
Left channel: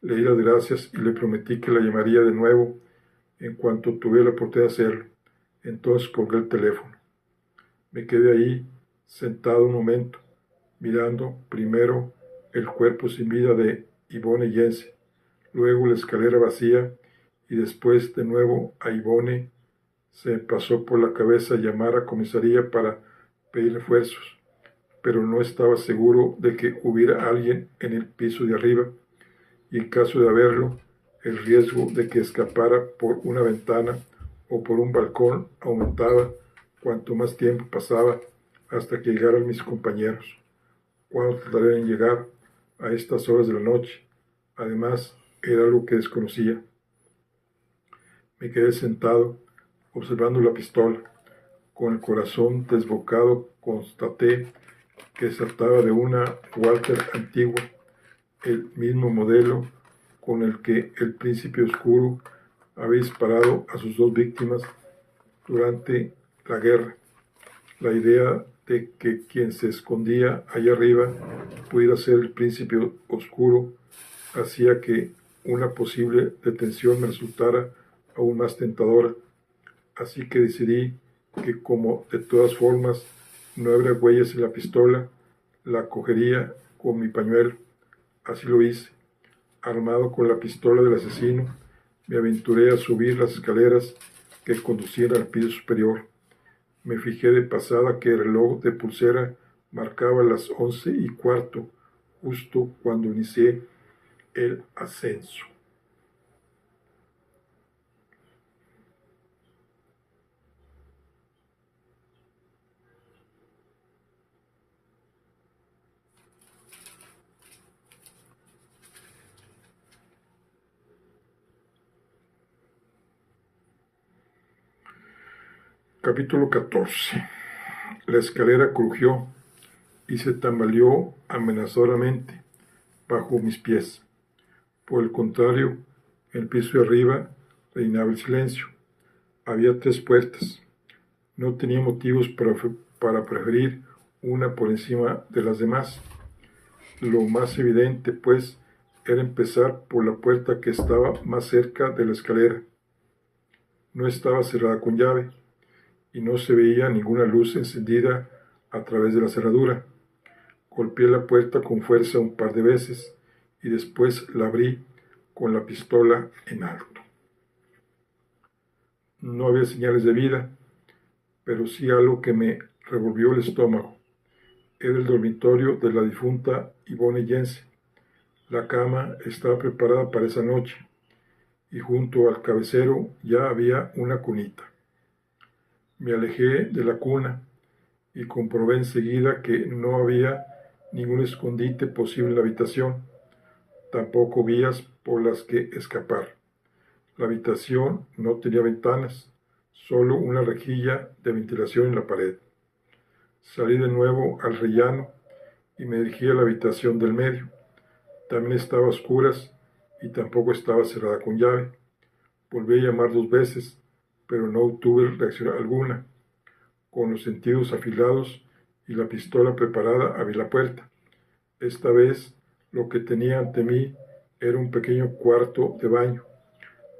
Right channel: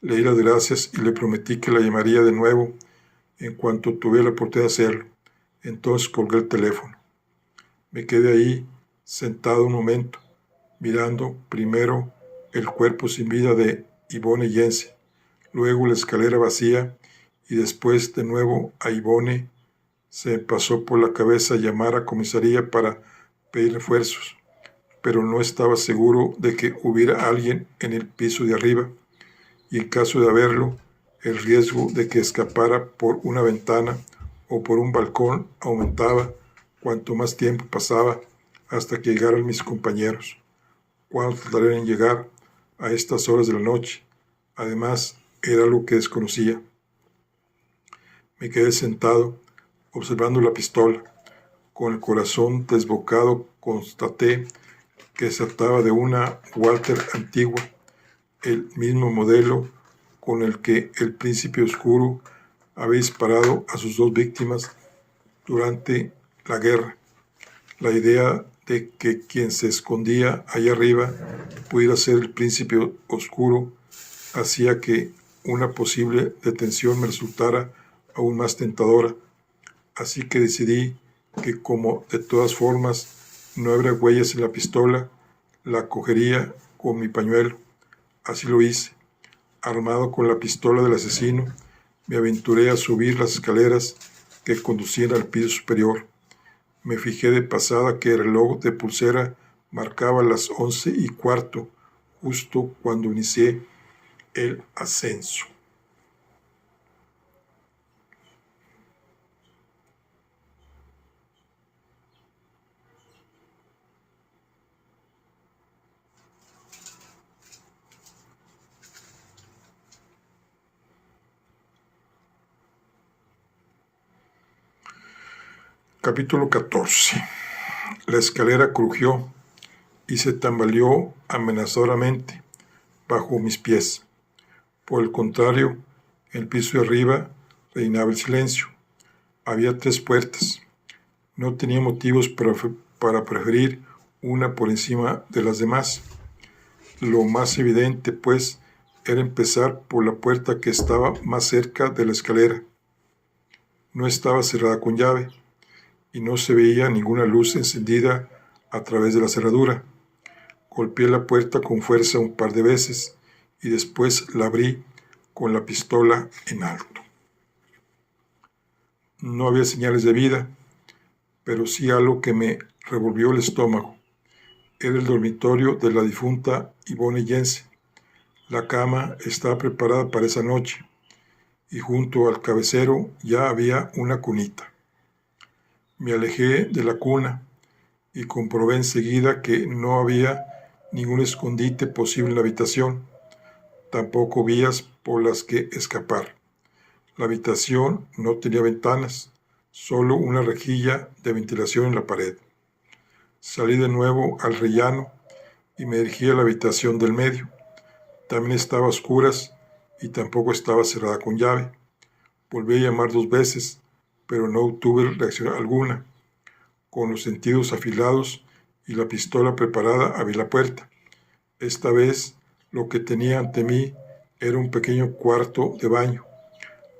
Le di las gracias y le prometí que la llamaría de nuevo en cuanto tuviera la oportunidad de hacerlo. Entonces colgué el teléfono. Me quedé ahí, sentado un momento, mirando primero el cuerpo sin vida de Yvonne Jensen, luego la escalera vacía y después de nuevo a Yvonne. Se me pasó por la cabeza llamar a comisaría para pedir refuerzos, pero no estaba seguro de que hubiera alguien en el piso de arriba, y en caso de haberlo, el riesgo de que escapara por una ventana o por un balcón aumentaba cuanto más tiempo pasaba hasta que llegaran mis compañeros. ¿Cuándo tardarían en llegar a estas horas de la noche? Además, era algo que desconocía. Me quedé sentado, observando la pistola. Con el corazón desbocado, constaté que se trataba de una Walter antigua, el mismo modelo con el que el príncipe oscuro había disparado a sus 2 víctimas durante la guerra. La idea de que quien se escondía allá arriba pudiera ser el príncipe oscuro hacía que una posible detención me resultara aún más tentadora. Así que decidí que, como de todas formas no habría huellas en la pistola, la cogería con mi pañuelo. Así lo hice. Armado con la pistola del asesino, me aventuré a subir las escaleras que conducían al piso superior. Me fijé de pasada que el reloj de pulsera marcaba las 11:15, justo cuando inicié el ascenso. Capítulo 14. La escalera crujió y se tambaleó amenazadoramente bajo mis pies. Por el contrario, en el piso de arriba reinaba el silencio. Había 3 puertas. No tenía motivos para preferir una por encima de las demás. Lo más evidente, pues, era empezar por la puerta que estaba más cerca de la escalera. No estaba cerrada con llave y no se veía ninguna luz encendida a través de la cerradura. Golpeé la puerta con fuerza un par de veces y después la abrí con la pistola en alto. No había señales de vida, pero sí algo que me revolvió el estómago. Era el dormitorio de la difunta Yvonne Jensen. La cama estaba preparada para esa noche, y junto al cabecero ya había una cunita. Me alejé de la cuna y comprobé enseguida que no había ningún escondite posible en la habitación, tampoco vías por las que escapar. La habitación no tenía ventanas, solo una rejilla de ventilación en la pared. Salí de nuevo al rellano y me dirigí a la habitación del medio. También estaba a oscuras y tampoco estaba cerrada con llave. Volví a llamar 2 veces, pero no obtuve reacción alguna. Con los sentidos afilados y la pistola preparada, abrí la puerta. Esta vez lo que tenía ante mí era un pequeño cuarto de baño.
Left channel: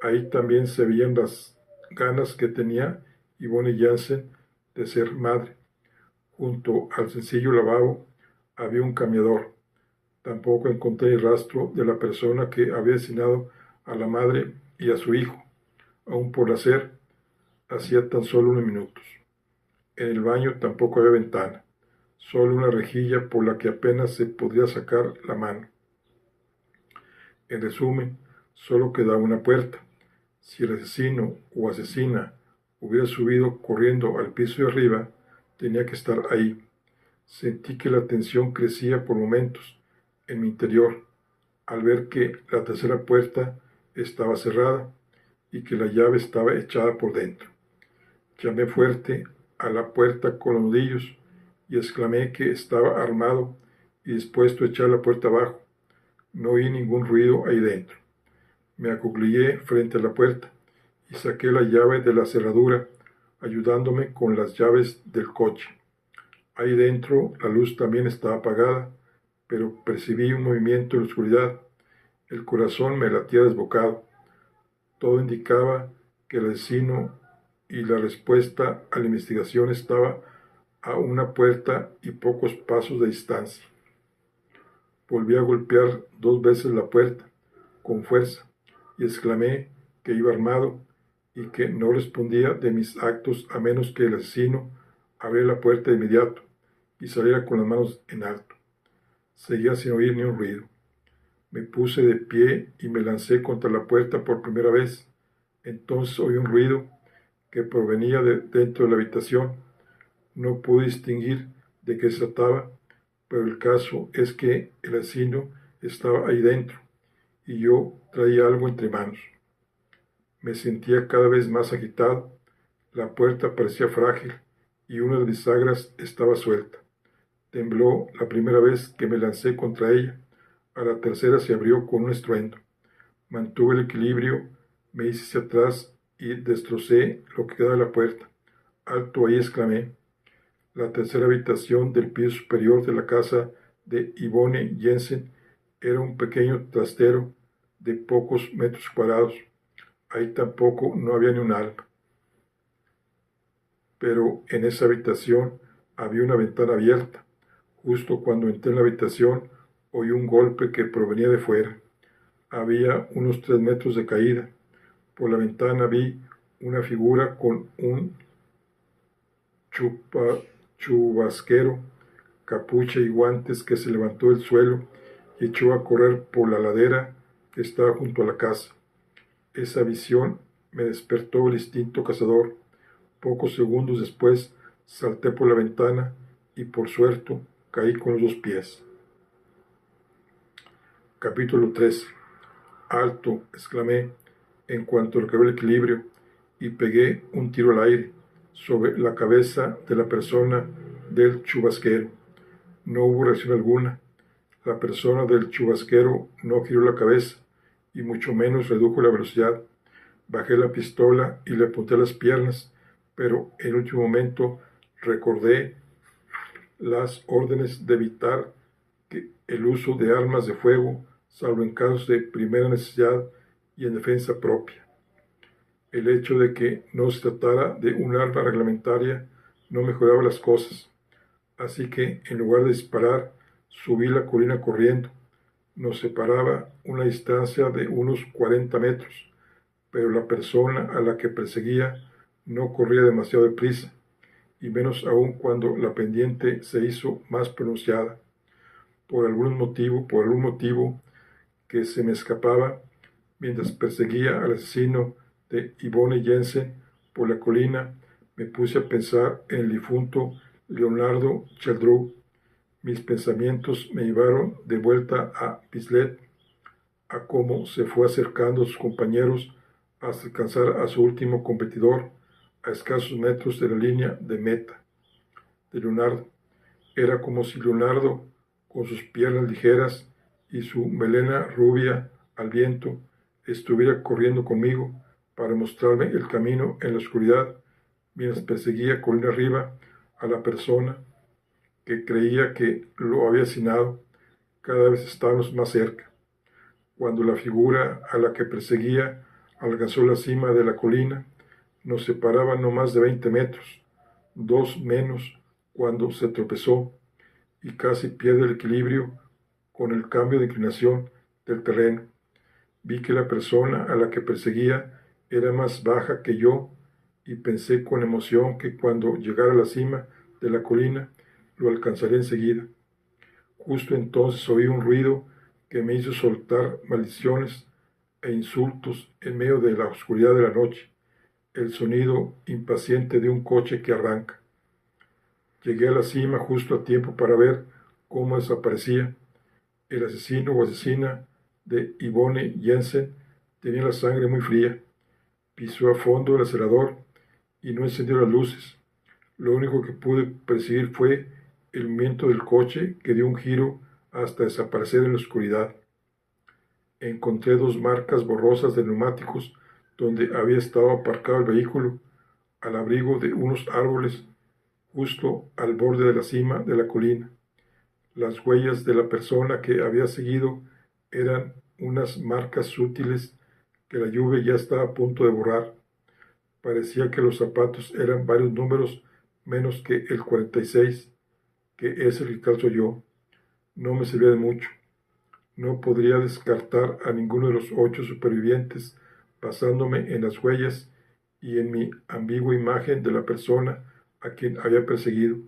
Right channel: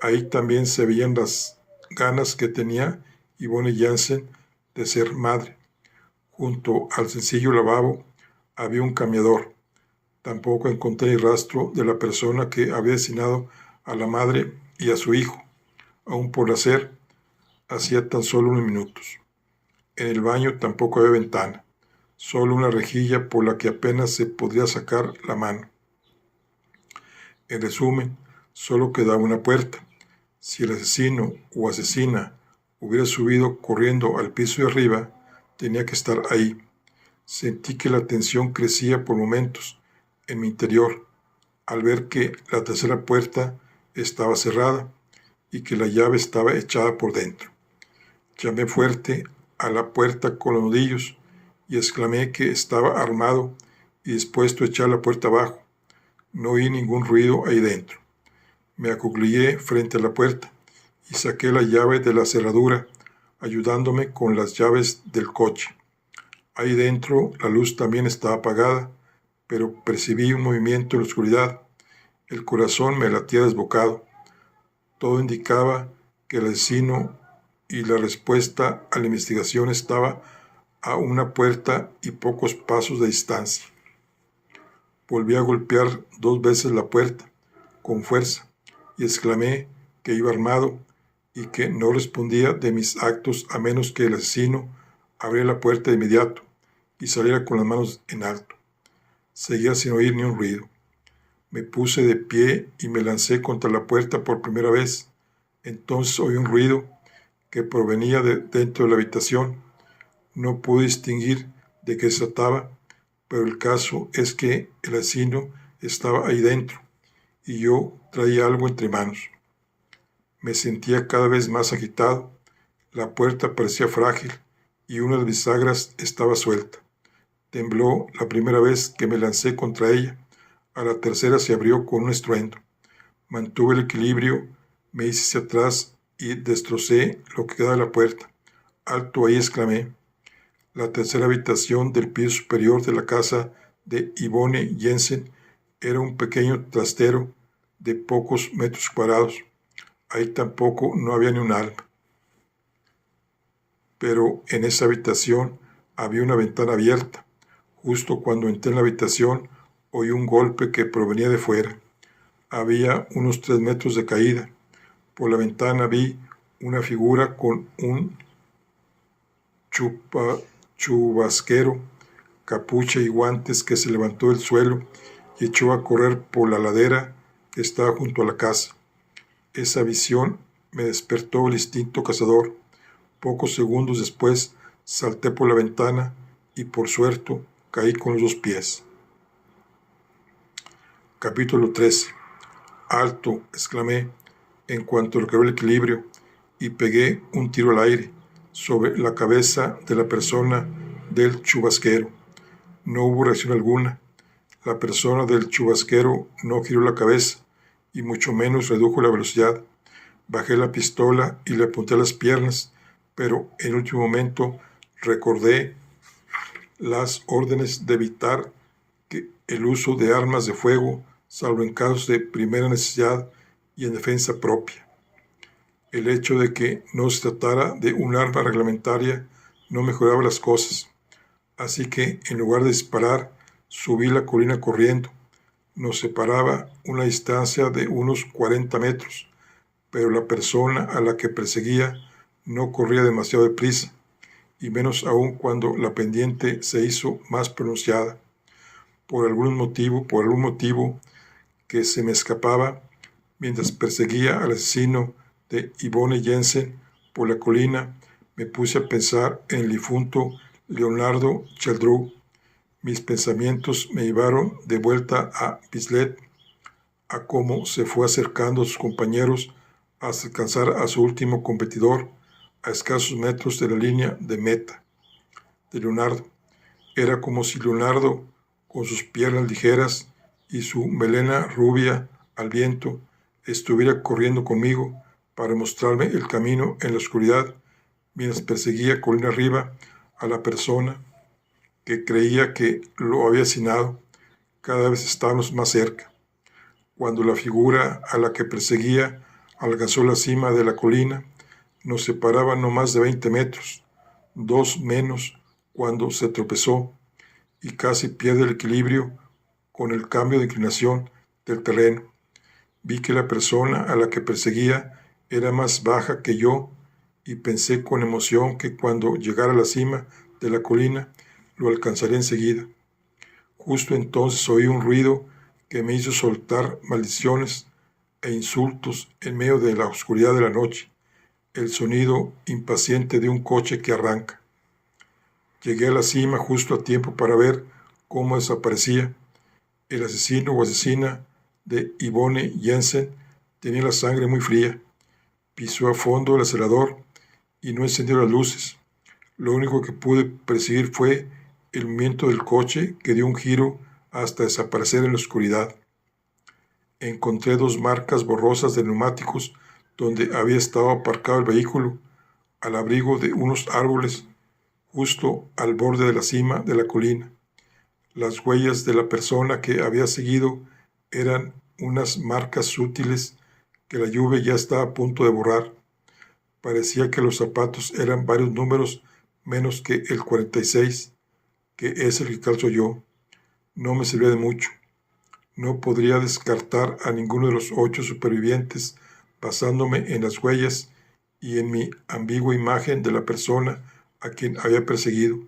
Ahí también se veían las ganas que tenía Yvonne Jensen de ser madre. Junto al sencillo lavabo había un cambiador. Tampoco encontré el rastro de la persona que había asesinado a la madre y a su hijo, aún por nacer, hacía tan solo unos minutos. En el baño tampoco había ventana, solo una rejilla por la que apenas se podría sacar la mano. En resumen, solo quedaba una puerta. Si el asesino o asesina hubiera subido corriendo al piso de arriba, tenía que estar ahí. Sentí que la tensión crecía por momentos en mi interior al ver que la tercera puerta estaba cerrada y que la llave estaba echada por dentro. Llamé fuerte a la puerta con los nudillos y exclamé que estaba armado y dispuesto a echar la puerta abajo. No oí ningún ruido ahí dentro. Me acuclillé frente a la puerta y saqué la llave de la cerradura, ayudándome con las llaves del coche. Ahí dentro la luz también estaba apagada, pero percibí un movimiento en la oscuridad. El corazón me latía desbocado. Todo indicaba que el asesino y la respuesta a la investigación estaba a una puerta y pocos pasos de distancia. Volví a golpear 2 veces la puerta, con fuerza, y exclamé que iba armado y que no respondía de mis actos a menos que el asesino abriera la puerta de inmediato y saliera con las manos en alto. Seguía sin oír ni un ruido. Me puse de pie y me lancé contra la puerta por primera vez. Entonces oí un ruido que provenía de dentro de la habitación. No pude distinguir de qué se trataba, pero el caso es que el asesino estaba ahí dentro y yo traía algo entre manos. Me sentía cada vez más agitado. La puerta parecía frágil y una de mis bisagras estaba suelta. Tembló la primera vez que me lancé contra ella. A la tercera se abrió con un estruendo. Mantuve el equilibrio, me hice hacia atrás y destrocé lo que quedaba de la puerta. Alto ahí, exclamé. La tercera habitación del piso superior de la casa de Yvonne Jensen era un pequeño trastero de pocos metros cuadrados. Ahí tampoco no había ni un alma. Pero en esa habitación había una ventana abierta. Justo cuando entré en la habitación, oí un golpe que provenía de fuera. Había unos 3 metros de caída. Por la ventana vi una figura con un chubasquero, capucha y guantes que se levantó del suelo y echó a correr por la ladera que estaba junto a la casa. Esa visión me despertó el instinto cazador. Pocos segundos después salté por la ventana y por suerte caí con los 2 pies. Capítulo 13. Alto, exclamé, en cuanto recobré el equilibrio, y pegué un tiro al aire sobre la cabeza de la persona del chubasquero. No hubo reacción alguna. La persona del chubasquero no giró la cabeza y mucho menos redujo la velocidad. Bajé la pistola y le apunté a las piernas, pero en último momento recordé las órdenes de evitar el uso de armas de fuego, salvo en casos de primera necesidad y en defensa propia. El hecho de que no se tratara de un arma reglamentaria no mejoraba las cosas, así que en lugar de disparar, subí la colina corriendo. Nos separaba una distancia de unos 40 metros, pero la persona a la que perseguía No corría demasiado deprisa, y menos aún cuando la pendiente se hizo más pronunciada. Por algún motivo que se me escapaba, mientras perseguía al asesino de Yvonne Jensen por la colina, me puse a pensar en el difunto Leonardo Cheldreau. Mis pensamientos me llevaron de vuelta a Bislett, a cómo se fue acercando a sus compañeros hasta alcanzar a su último competidor a escasos metros de la línea de meta de Leonardo. Era como si Leonardo, con sus piernas ligeras y su melena rubia al viento, estuviera corriendo conmigo para mostrarme el camino en la oscuridad, mientras perseguía colina arriba a la persona que creía que lo había asesinado. Cada vez estábamos más cerca. Cuando la figura a la que perseguía alcanzó la cima de la colina, nos separaban no más de 20 metros, 2 menos cuando se tropezó y casi pierde el equilibrio con el cambio de inclinación del terreno. Vi que la persona a la que perseguía era más baja que yo y pensé con emoción que cuando llegara a la cima de la colina lo alcanzaré enseguida. Justo entonces oí un ruido que me hizo soltar maldiciones e insultos en medio de la oscuridad de la noche, el sonido impaciente de un coche que arranca. Llegué a la cima justo a tiempo para ver cómo desaparecía. El asesino o asesina de Yvonne Jensen tenía la sangre muy fría. Pisó a fondo el acelerador y no encendió las luces. Lo único que pude percibir fue el movimiento del coche que dio un giro hasta desaparecer en la oscuridad. Encontré 2 marcas borrosas de neumáticos donde había estado aparcado el vehículo, al abrigo de unos árboles justo al borde de la cima de la colina. Las huellas de la persona que había seguido eran unas marcas sutiles que la lluvia ya estaba a punto de borrar. Parecía que los zapatos eran varios números menos que el 46, que es el que calzo yo. No me servía de mucho. No podría descartar a ninguno de los 8 supervivientes basándome en las huellas y en mi ambigua imagen de la persona a quien había perseguido.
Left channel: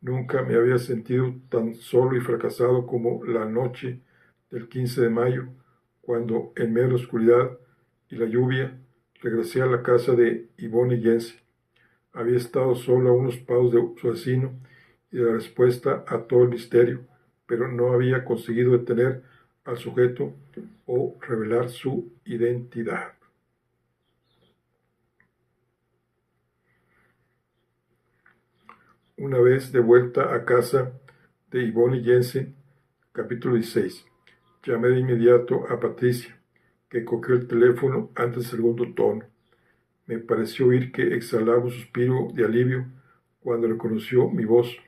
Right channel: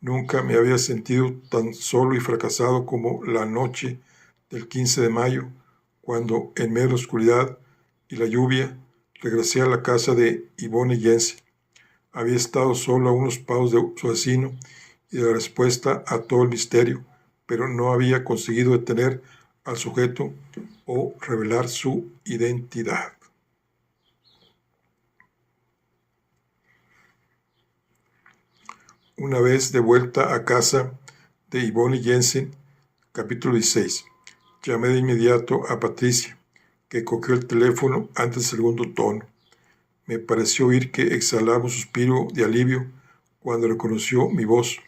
Nunca me había sentido tan solo y fracasado como la noche del 15 de mayo, cuando, en medio de la oscuridad y la lluvia, regresé a la casa de Yvonne Jensen. Había estado solo a unos pasos de su asesino y de la respuesta a todo el misterio, pero no había conseguido detener al sujeto o revelar su identidad. Una vez de vuelta a casa de Yvonne Jensen, capítulo 16. Llamé de inmediato a Patricia, que cogió el teléfono antes del segundo tono. Me pareció oír que exhalaba un suspiro de alivio cuando reconoció mi voz.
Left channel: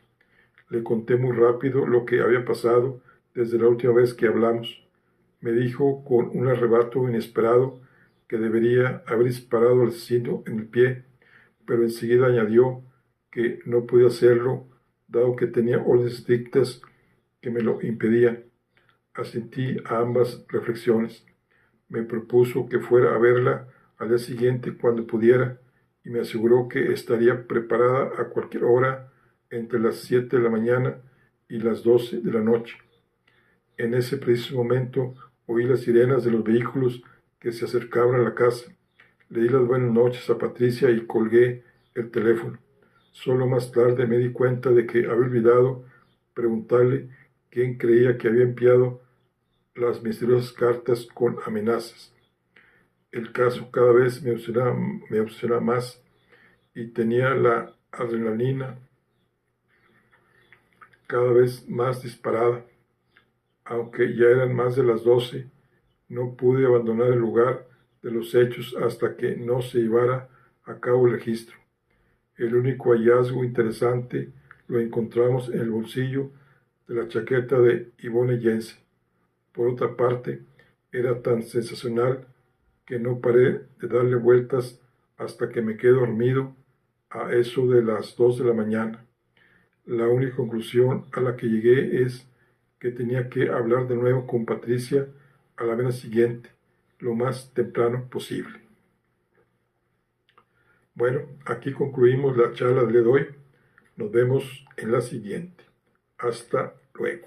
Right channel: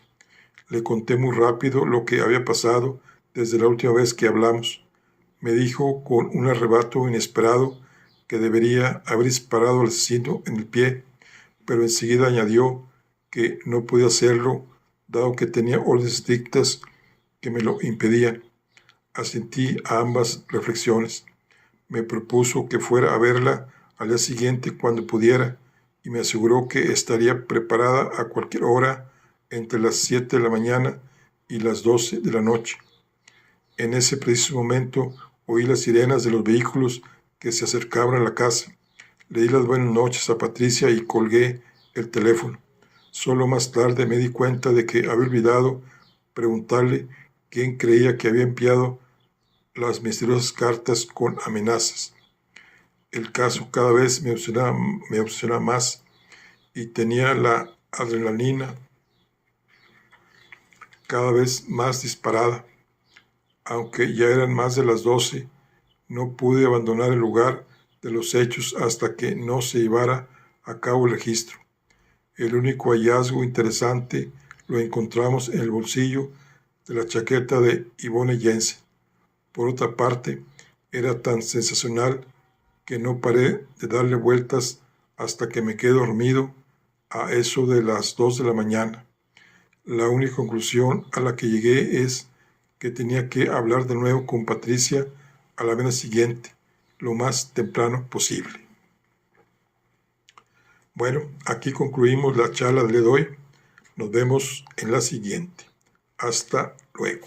Le conté muy rápido lo que había pasado desde la última vez que hablamos. Me dijo con un arrebato inesperado que debería haber disparado al asesino en el pie, pero enseguida añadió que no podía hacerlo, dado que tenía órdenes estrictas que me lo impedían. Asentí a ambas reflexiones. Me propuso que fuera a verla al día siguiente cuando pudiera y me aseguró que estaría preparada a cualquier hora entre las 7 de la mañana y las 12 de la noche. En ese preciso momento oí las sirenas de los vehículos que se acercaban a la casa. Le di las buenas noches a Patricia y colgué el teléfono. Solo más tarde me di cuenta de que había olvidado preguntarle quién creía que había enviado las misteriosas cartas con amenazas. El caso cada vez me obsesionaba más y tenía la adrenalina cada vez más disparada. Aunque ya eran más de las 12, no pude abandonar el lugar de los hechos hasta que no se llevara a cabo el registro. El único hallazgo interesante lo encontramos en el bolsillo de la chaqueta de Yvonne Jensen. Por otra parte, era tan sensacional que no paré de darle vueltas hasta que me quedé dormido a eso de las 2 de la mañana. La única conclusión a la que llegué es que tenía que hablar de nuevo con Patricia a la mañana siguiente, lo más temprano posible. Bueno, aquí concluimos la charla de hoy. Nos vemos en la siguiente. Hasta luego.